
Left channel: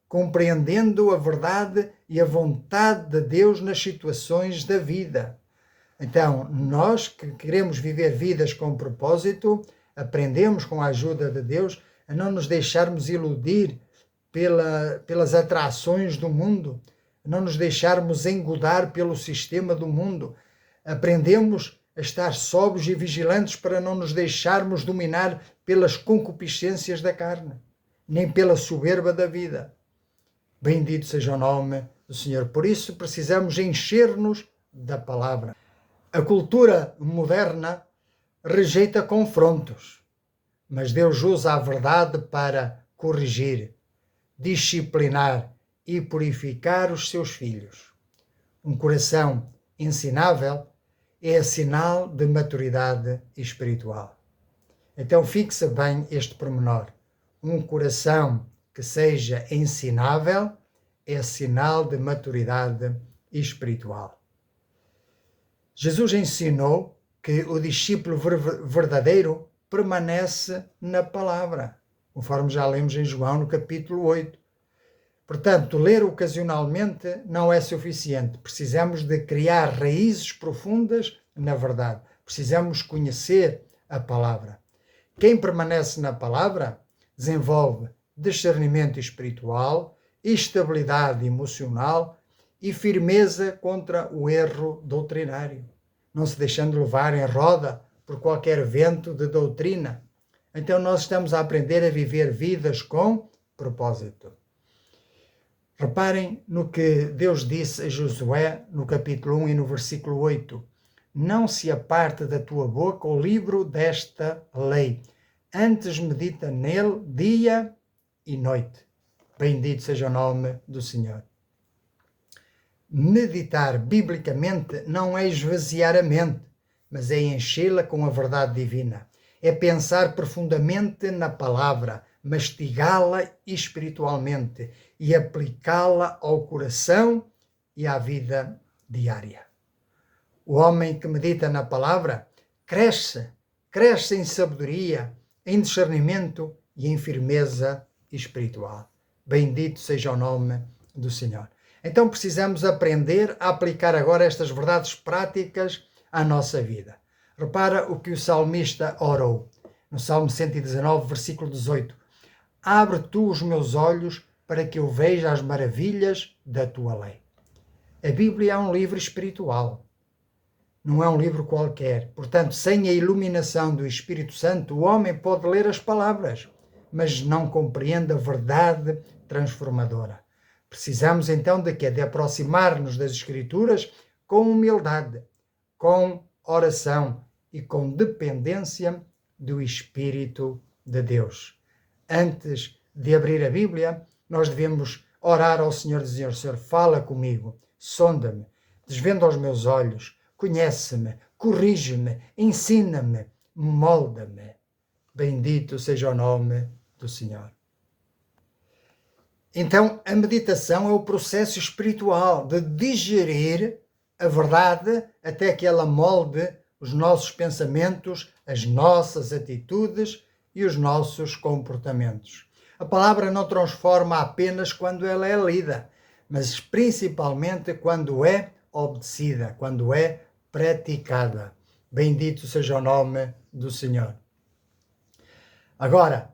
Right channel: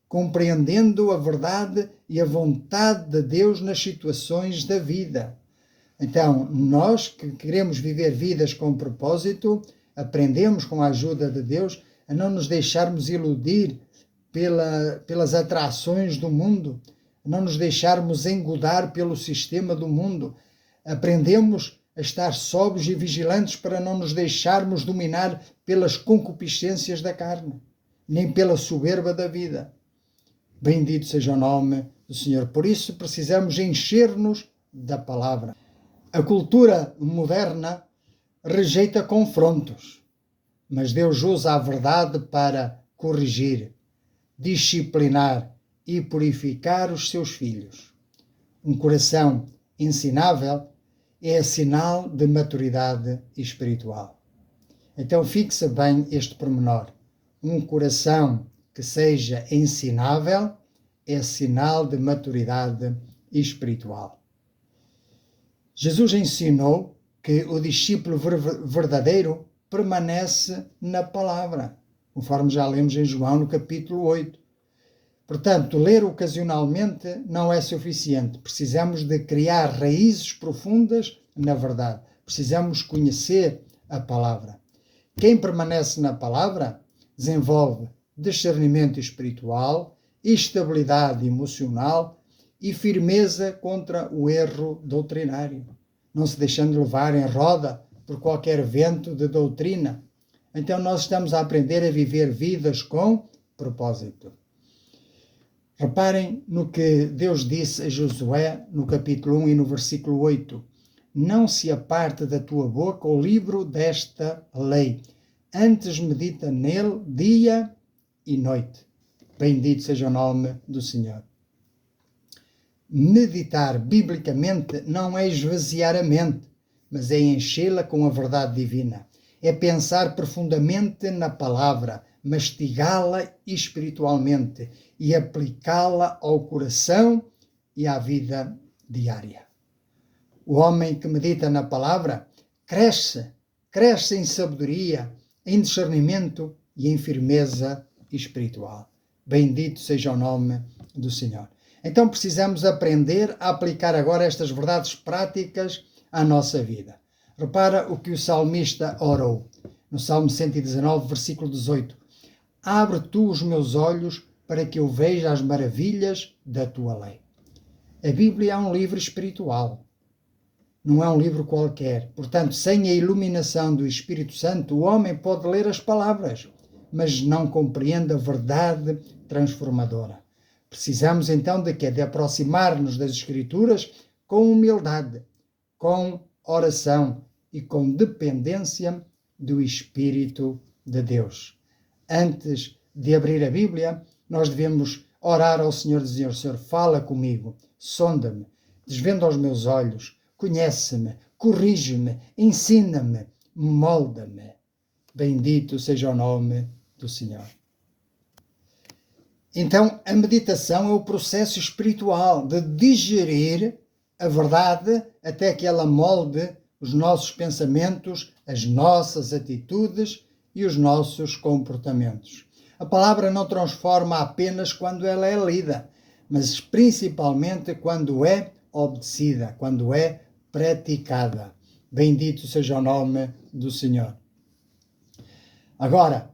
compreendendo a verdade e a vontade de Deus nas situações da vida. Então, nós que queremos viver vidas com propósito, aprendemos com a ajuda de Deus a não nos deixarmos iludir pelas atrações do mundo, a não nos deixarmos engodar pelo sistema do mundo. Aprendemos a estar sóbrios e vigilantes para não nos deixarmos dominar pelas concupiscências da carne, nem pela soberba da vida. Bendito seja o nome do Senhor. Por isso precisamos encher-nos da palavra. A cultura moderna rejeita confrontos, mas Deus usa a verdade para corrigir, disciplinar e purificar os seus filhos. Um coração ensinável é sinal de maturidade espiritual. Então fixa bem este pormenor. Um coração que seja ensinável é sinal de maturidade espiritual. Jesus ensinou que o discípulo verdadeiro permanece na palavra, conforme já lemos em João no capítulo 8. Portanto, ler ocasionalmente não é suficiente. Precisamos de criar raízes profundas na verdade. Precisamos conhecer a palavra. Quem permanece na palavra desenvolve discernimento espiritual, estabilidade emocional e firmeza contra o erro doutrinário, não se deixando levar em roda por qualquer vento de doutrina. Então nós estamos a aprender a viver vidas com propósito. Reparem no que Deus disse a Josué no capítulo 1 e no versículo 8. Não se aparte da tua boca o livro desta lei, antes medita nele dia e noite. Bendito seja o nome do Senhor. Meditar biblicamente não é esvaziar a mente, mas é enchê-la com a verdade divina. É pensar profundamente na palavra, mastigá-la espiritualmente e aplicá-la ao coração e à vida diária. O homem que medita na palavra cresce em sabedoria, em discernimento e em firmeza espiritual. Bendito seja o nome do Senhor. Então precisamos aprender a aplicar agora estas verdades práticas à nossa vida. Repara o que o salmista orou, no Salmo 119, versículo 18. Abre tu os meus olhos para que eu veja as maravilhas da tua lei. A Bíblia é um livro espiritual, não é um livro qualquer. Portanto, sem a iluminação do Espírito Santo, o homem pode ler as palavras, mas não compreende a verdade transformadora. Precisamos então de aproximar-nos das Escrituras com humildade, com oração e com dependência do Espírito de Deus. Antes de abrir a Bíblia, nós devemos orar ao Senhor, dizer: Senhor, fala comigo, sonda-me, desvenda os meus olhos, conhece-me, corrige-me, ensina-me, molda-me. Bendito seja o nome do Senhor. Então, a meditação é o processo espiritual de digerir a verdade até que ela molde os nossos pensamentos, as nossas atitudes e os nossos comportamentos. A palavra não transforma apenas quando ela é lida, mas principalmente quando é obedecida, quando é praticada. Bendito seja o nome do Senhor. Agora,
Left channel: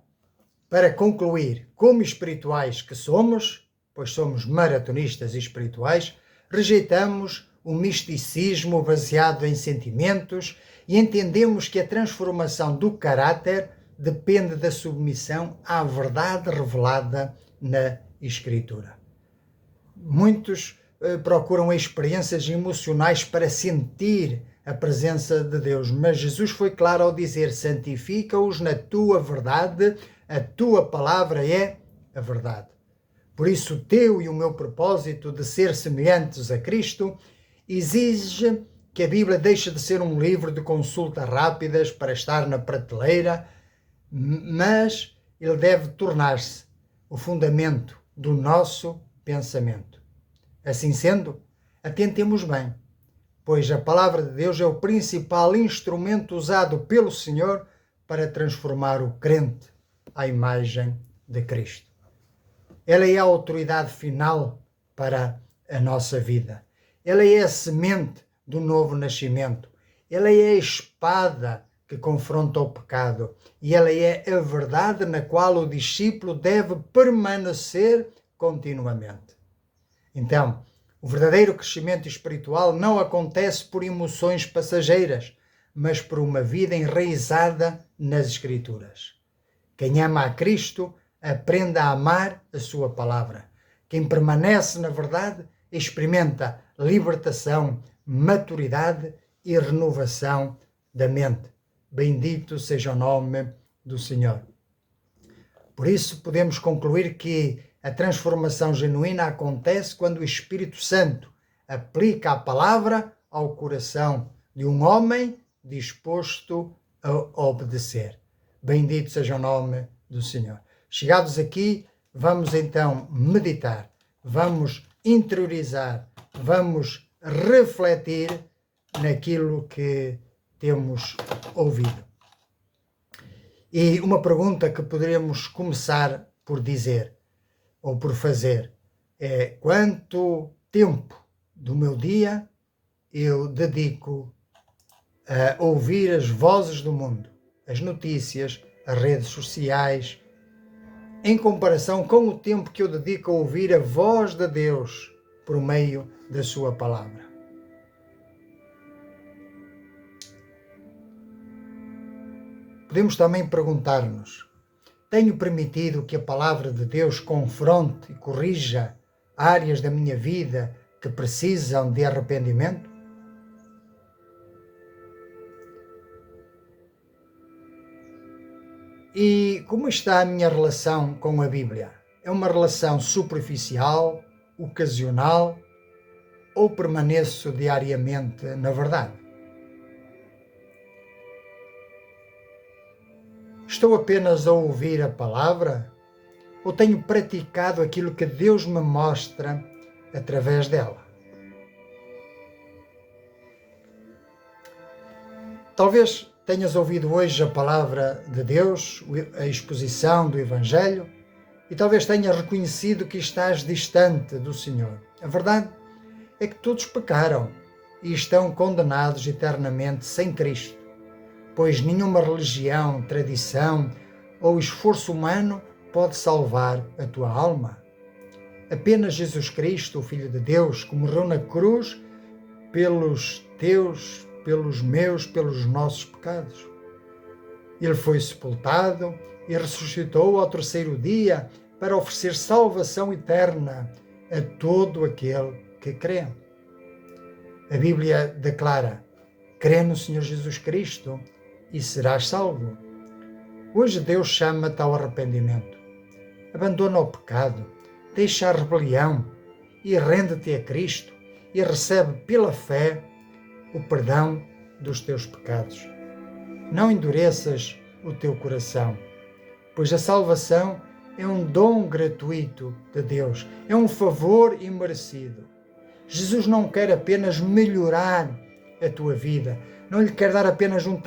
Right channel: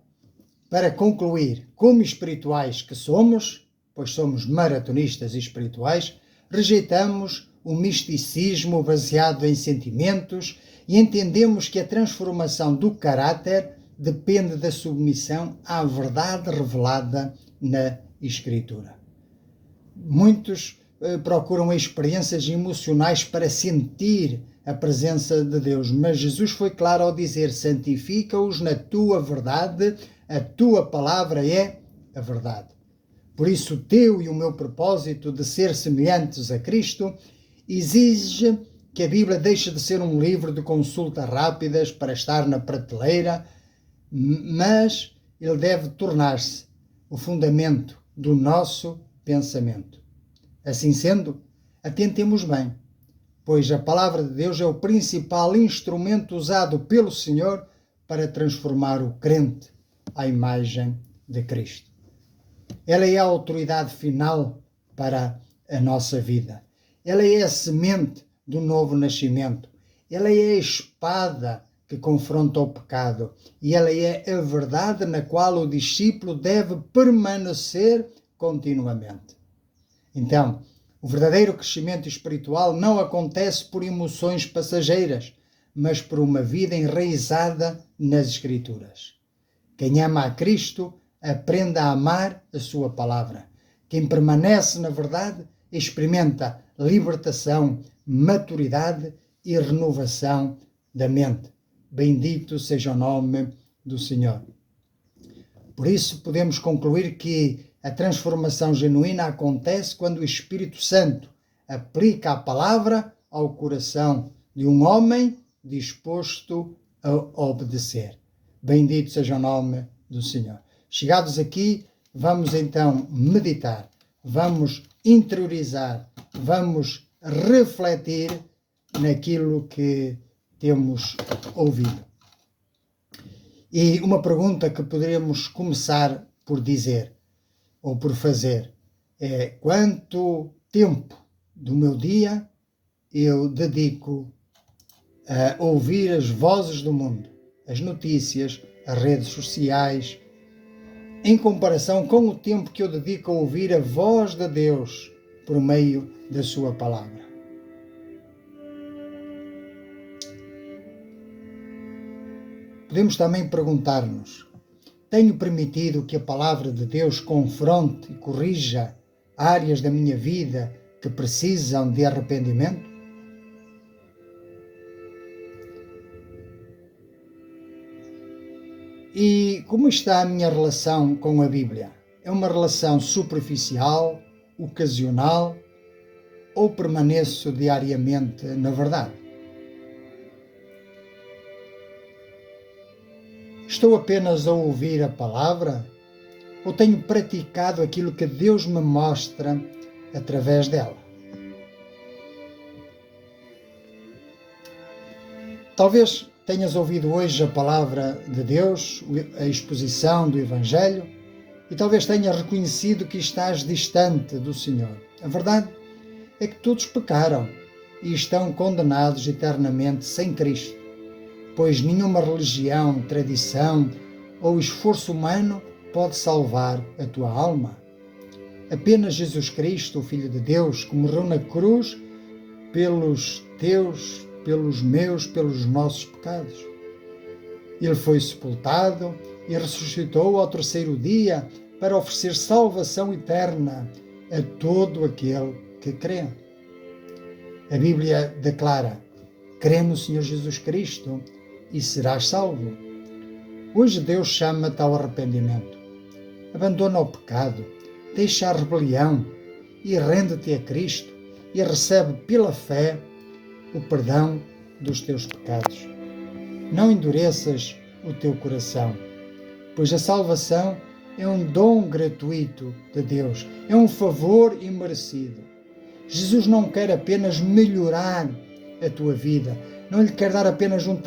para concluir, como espirituais que somos, pois somos maratonistas espirituais, rejeitamos o misticismo baseado em sentimentos e entendemos que a transformação do caráter depende da submissão à verdade revelada na Escritura. Muitos procuram experiências emocionais para sentir a presença de Deus, mas Jesus foi claro ao dizer: santifica-os na tua verdade, a tua palavra é a verdade. Por isso, o teu e o meu propósito de ser semelhantes a Cristo exige que a Bíblia deixe de ser um livro de consultas rápidas para estar na prateleira, mas ele deve tornar-se o fundamento do nosso pensamento. Assim sendo, atentemos bem, pois a palavra de Deus é o principal instrumento usado pelo Senhor para transformar o crente à imagem de Cristo. Ela é a autoridade final para a nossa vida. Ela é a semente do novo nascimento. Ela é a espada que confronta o pecado. E ela é a verdade na qual o discípulo deve permanecer continuamente. Então, o verdadeiro crescimento espiritual não acontece por emoções passageiras, mas por uma vida enraizada nas Escrituras. Quem ama a Cristo, aprende a amar a sua palavra. Quem permanece na verdade, experimenta libertação, maturidade e renovação da mente. Bendito seja o nome do Senhor. Por isso, podemos concluir que a transformação genuína acontece quando o Espírito Santo aplica a palavra ao coração de um homem disposto a obedecer. Bendito seja o nome do Senhor. Chegados aqui, vamos então meditar, vamos interiorizar, vamos refletir naquilo que temos ouvido. E uma pergunta que poderemos começar por dizer, ou por fazer, é: quanto tempo do meu dia eu dedico a ouvir as vozes do mundo, as notícias, as redes sociais, em comparação com o tempo que eu dedico a ouvir a voz de Deus por meio da sua palavra? Podemos também perguntar-nos: tenho permitido que a palavra de Deus confronte e corrija áreas da minha vida que precisam de arrependimento? E como está a minha relação com a Bíblia? É uma relação superficial, ocasional, ou permaneço diariamente na verdade? Estou apenas a ouvir a palavra ou tenho praticado aquilo que Deus me mostra através dela? Talvez tenhas ouvido hoje a palavra de Deus, a exposição do Evangelho, e talvez tenhas reconhecido que estás distante do Senhor. A verdade é que todos pecaram e estão condenados eternamente sem Cristo, pois nenhuma religião, tradição ou esforço humano pode salvar a tua alma. Apenas Jesus Cristo, o Filho de Deus, que morreu na cruz pelos teus, pelos meus, pelos nossos pecados. Ele foi sepultado e ressuscitou ao terceiro dia para oferecer salvação eterna a todo aquele que crê. A Bíblia declara: crê no Senhor Jesus Cristo e serás salvo. Hoje Deus chama-te ao arrependimento. Abandona o pecado, deixa a rebelião e rende-te a Cristo e recebe pela fé o perdão dos teus pecados. Não endureças o teu coração, pois a salvação é um dom gratuito de Deus, é um favor imerecido. Jesus não quer apenas melhorar a tua vida, não lhe quer dar apenas um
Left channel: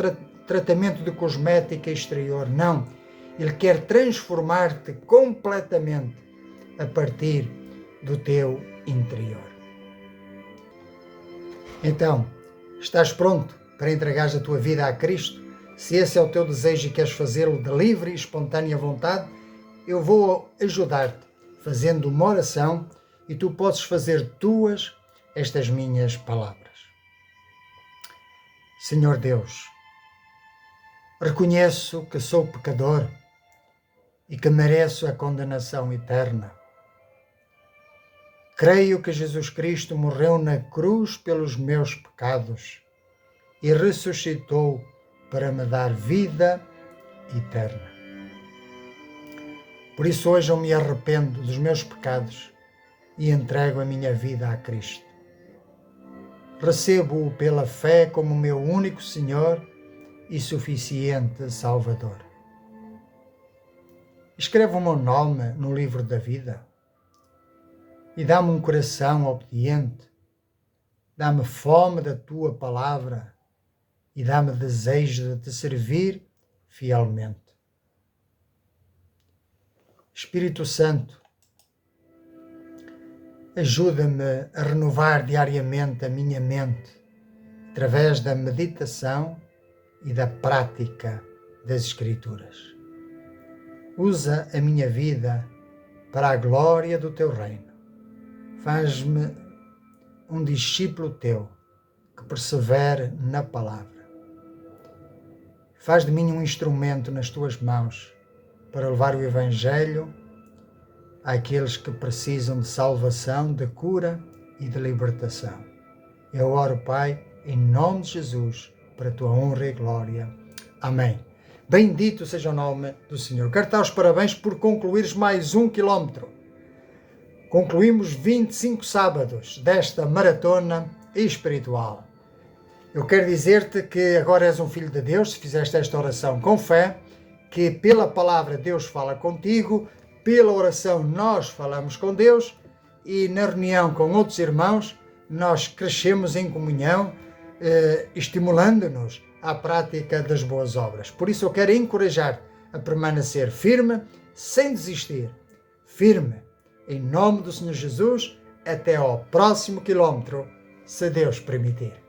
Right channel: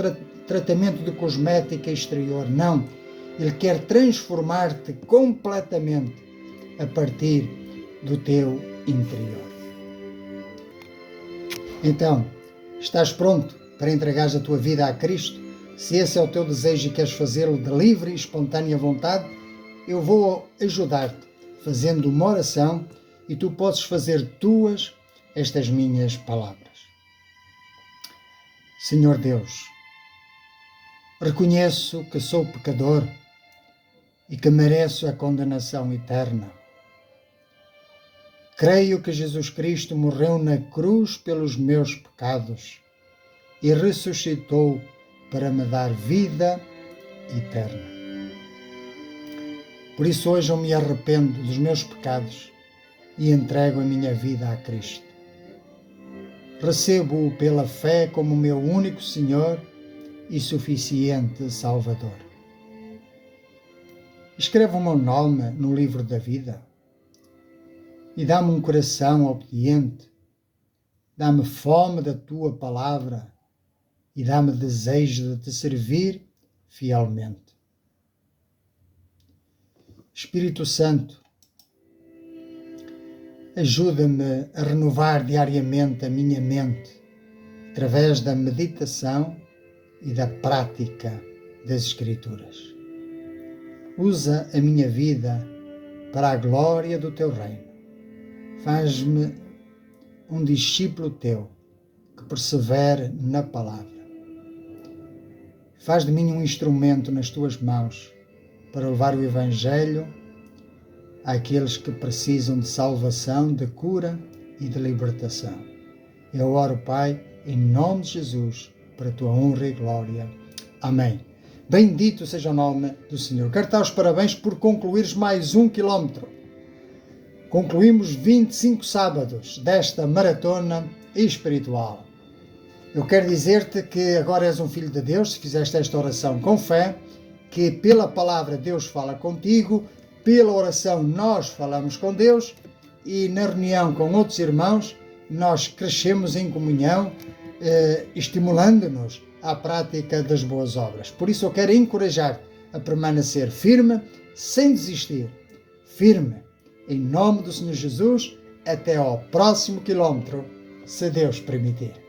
tratamento de cosmética exterior, não. Ele quer transformar-te completamente a partir do teu interior. Então, estás pronto para entregares a tua vida a Cristo? Se esse é o teu desejo e queres fazê-lo de livre e espontânea vontade, eu vou ajudar-te fazendo uma oração e tu podes fazer tuas estas minhas palavras. Senhor Deus, reconheço que sou pecador e que mereço a condenação eterna. Creio que Jesus Cristo morreu na cruz pelos meus pecados e ressuscitou para me dar vida eterna. Por isso hoje eu me arrependo dos meus pecados e entrego a minha vida a Cristo. recebo-o pela fé como meu único Senhor e suficiente Salvador. Escreve o meu nome no livro da vida e dá-me um coração obediente, dá-me fome da tua palavra e dá-me desejo de te servir fielmente. Espírito Santo, ajuda-me a renovar diariamente a minha mente através da meditação e da prática das Escrituras. Usa a minha vida para a glória do teu reino. Faz-me um discípulo teu que persevere na palavra. Faz de mim um instrumento nas tuas mãos para levar o Evangelho àqueles que precisam de salvação, de cura e de libertação. Eu oro, Pai, em nome de Jesus, para a tua honra e glória. Amém. Bendito seja o nome do Senhor. Quero dar os parabéns por concluires mais 1 quilómetro. Concluímos 25 sábados desta maratona espiritual. Eu quero dizer-te que agora és um filho de Deus, se fizeste esta oração com fé, que pela palavra Deus fala contigo, pela oração nós falamos com Deus e na reunião com outros irmãos nós crescemos em comunhão, estimulando-nos à prática das boas obras. Por isso eu quero encorajar a permanecer firme, sem desistir. Firme, em nome do Senhor Jesus, até ao próximo quilómetro, se Deus permitir.